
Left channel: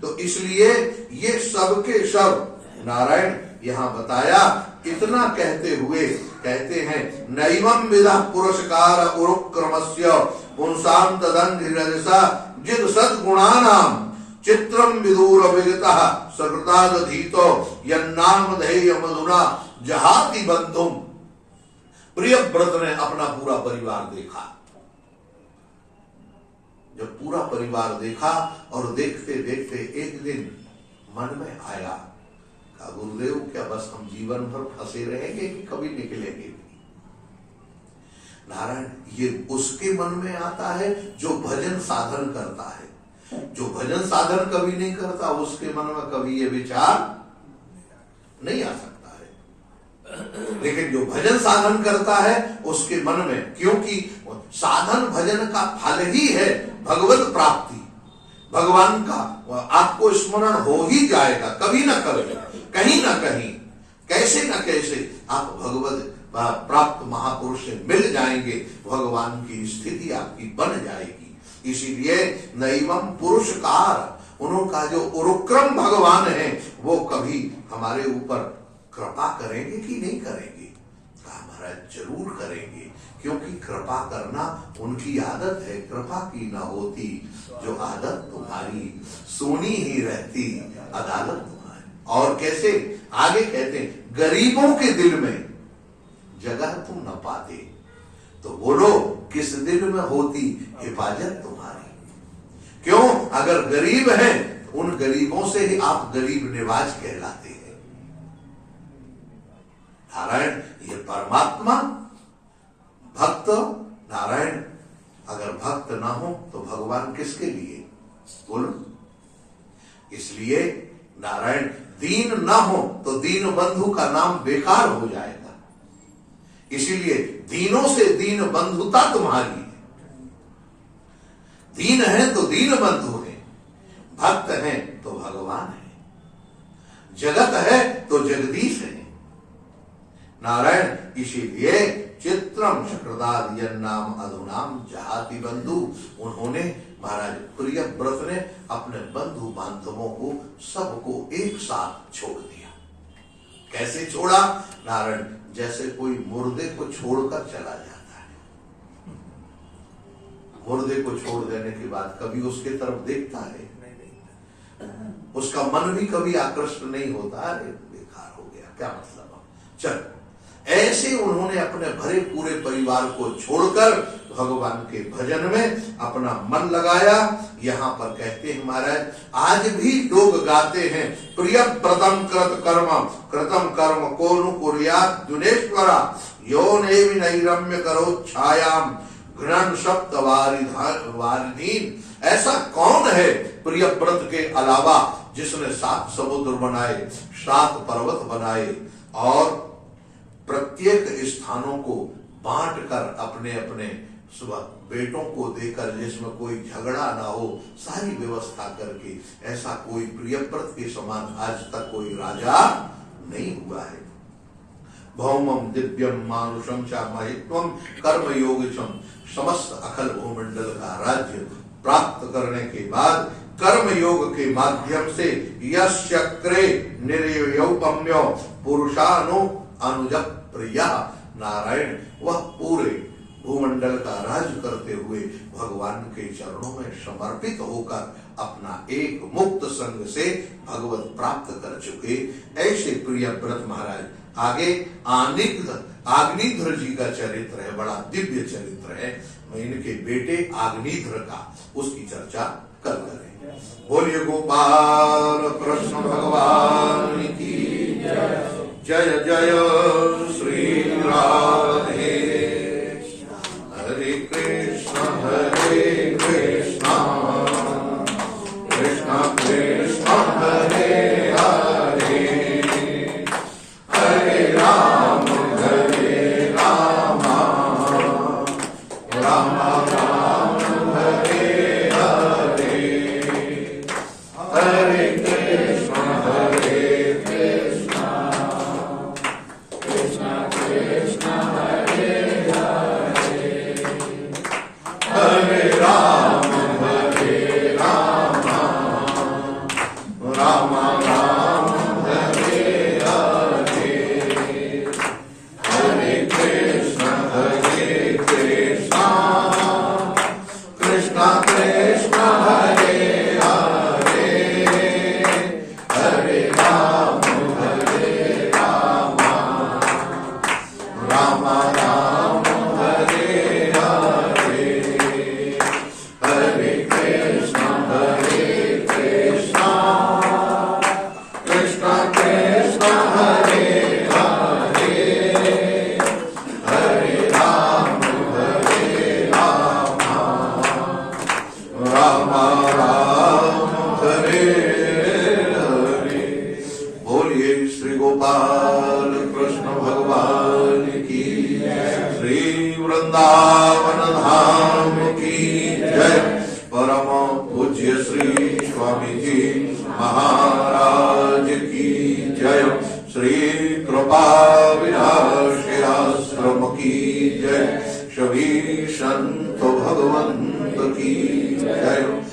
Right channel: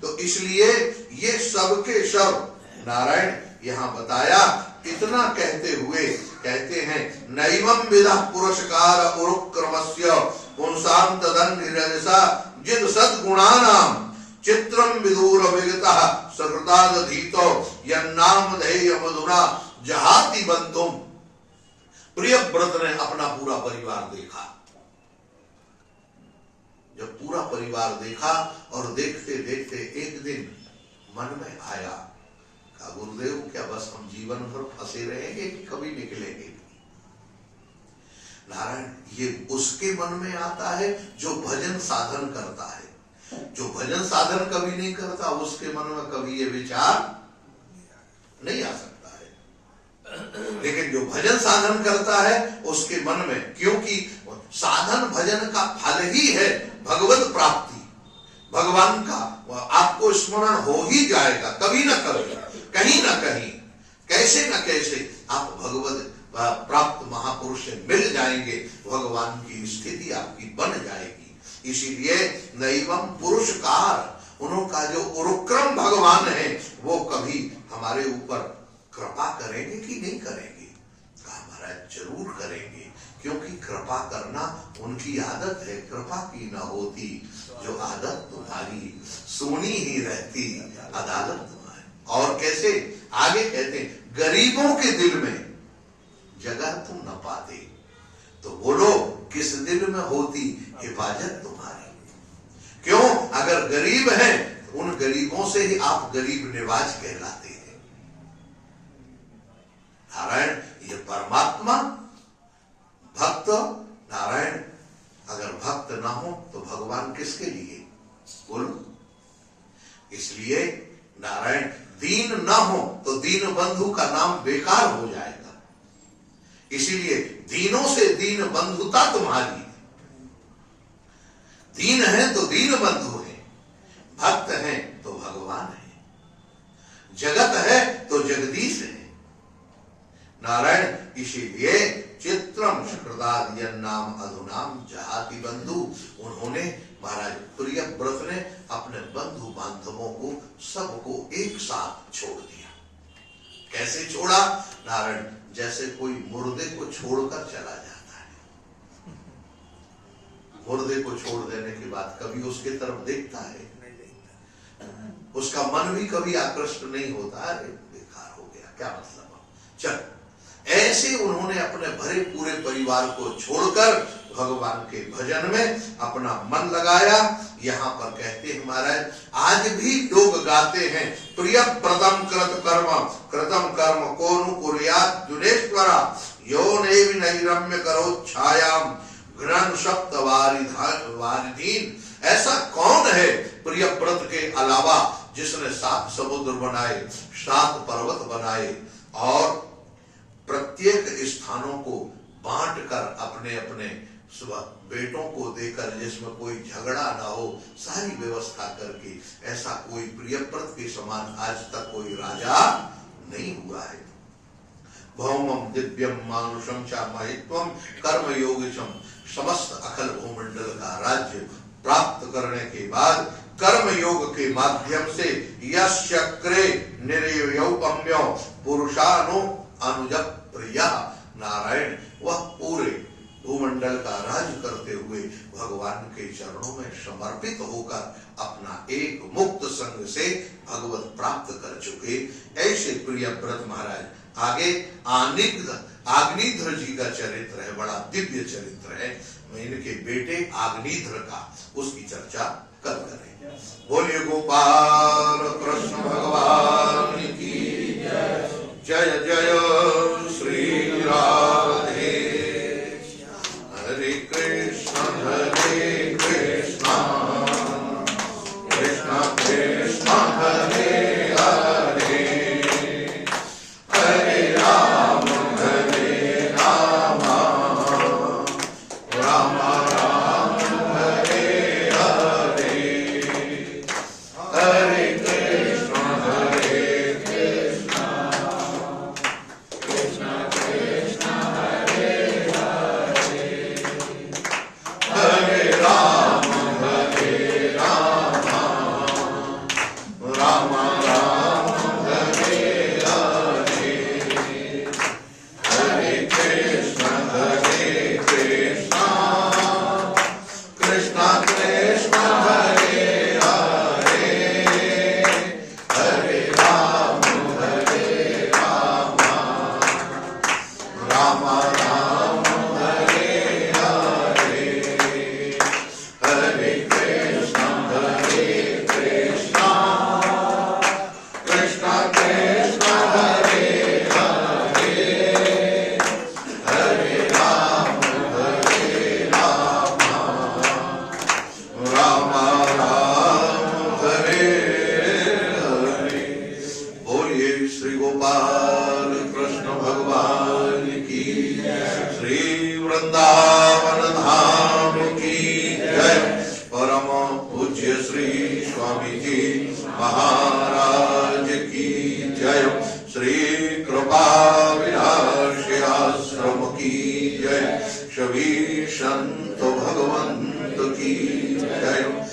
तो इसलिए ये सब के सब नारायण यहाँ बताया। इतना कहते हुए कहते हैं नैवं विदा पुरस्कार उरुक्रमस्य पुंसां तदन्निरजसा जिद सद्गुणानां चित्रम विदूर विगतः सकृतादधीतो यन्नाम धेय मधुना जहाति बंधुम। प्रियव्रत ने अपना पूरा परिवार देखा। जब पूरा परिवार देखा और देखते देखते एक दिन मन में आया, कहा गुरुदेव क्या बस हम जीवन भर फंसे रहेंगे कि कभी निकलेंगे? नारायण, ये उसके मन में आता है जो भजन साधन करता है। जो भजन साधन कभी नहीं करता उसके मन में कभी ये विचार नहीं आ सकता है। लेकिन जो भजन साधन करता है उसके मन में, क्योंकि साधन भजन का फल ही है भगवत प्राप्ति, भगवान का आपको स्मरण हो ही जाएगा कभी ना कभी, कहीं ना कहीं, कैसे ना कैसे आप भगवत प्राप्त महापुरुष से मिल जाएंगे, भगवान की स्थिति आपकी बन जाएगी। इसीलिए नैवं पुरुषकार, उनका जो उरुक्रम भगवान है वो कभी हमारे ऊपर कृपा करेंगे कि नहीं करेंगे? कहा महाराज जरूर करेंगे, क्योंकि कृपा करना उनकी आदत है। कृपा की न होती जो आदत तुम्हारी, सुनी ही रहती अदालत तुम्हारी। और कैसे आगे कहते हैं गरीबों के दिल में जगह तुम न पाते, तो बोलो किस दिल में होती हिफाजत तुम्हारी? क्यों? अगर गरीब हैं तो उन गरीबों से ही आप गरीब निवाज कहलाते हैं। नारायण ये परमात्मा भक्त, नारायण अगर भक्त ना हो तो भगवान किसके लिए? बोलो। इसलिए नारायण दीन ना हो तो दीन बंधु का नाम बेकार हो जाएगा। इसीलिए दीनों से दीन बंधुता तुम्हारी। दीन है तो दीन बंधु है, भक्त है तो भगवान है, जगत है तो जगदीश है। नारायण इसीलिए चित्रम शुक्रदादियन नाम अधुनाम जहाति बंधु, उन्होंने महाराज प्रियव्रत ने अपने बंधु बांधवों को सबको एक साथ छोड़ दिया। कैसे छोड़ा? नारायण जैसे कोई मुर्दे को छोड़कर चला जाता है, मुर्दे को छोड़ देने के बाद कभी उसके तरफ देखता है? उसका मन भी कभी आकृष्ट नहीं होता, अरे बेकार हो गया, क्या मतलब। चल, ऐसे उन्होंने अपने भरे पूरे परिवार को छोड़कर भगवान के भजन में अपना मन लगाया। यहाँ पर कहते हैं महाराज आज भी लोग गाते हैं प्रियव्रतम कृत कर्म कृतम कर्म कोनु कुर्यात् जुनेश्वरा यो नैरम्य करो छायाम घृण सप्त वारिधीन। ऐसा कौन है प्रियव्रत के अलावा जिसने 7 समुद्र बनाए, 7 पर्वत बनाए और प्रत्येक स्थानों को बांट कर अपने अपने बेटों को देकर, जिसमें कोई झगड़ा ना हो, सारी व्यवस्था करके, ऐसा कोई प्रियव्रत के समान आज तक कोई राजा नहीं हुआ है। भौमम दिव्यम मानुषम च महित्वम कर्म योगचम, समस्त अखल भूमंडल का राज्य प्राप्त करने के बाद कर्म योग के माध्यम से यश्चक्रे निर्यौपम्यो पुरुषानु अनुज प्रिया, नारायण वह पूरे भूमंडल का राज करते हुए भगवान के चरणों में समर्पित होकर अपना एक मुक्त संग से भगवत प्राप्त कर चुके ऐसे प्रियव्रत महाराज। आगे आग्निध्र जी का चरित्र है, बड़ा दिव्य चरित्र है। मैं इनके बेटे आग्निध्र का उसकी चर्चा कल करेंगे। बोलिए गोपाल कृष्ण भगवान की जय जय श्री राधे। हरे कृष्ण कृष्ण कृष्ण हरे हरे, हरे राम राम राम हरे परम पूज्य श्री स्वामी जी महाराज की जय। श्री कृपा विनाश आश्रम की जय। सभी संत भगवंत की जय।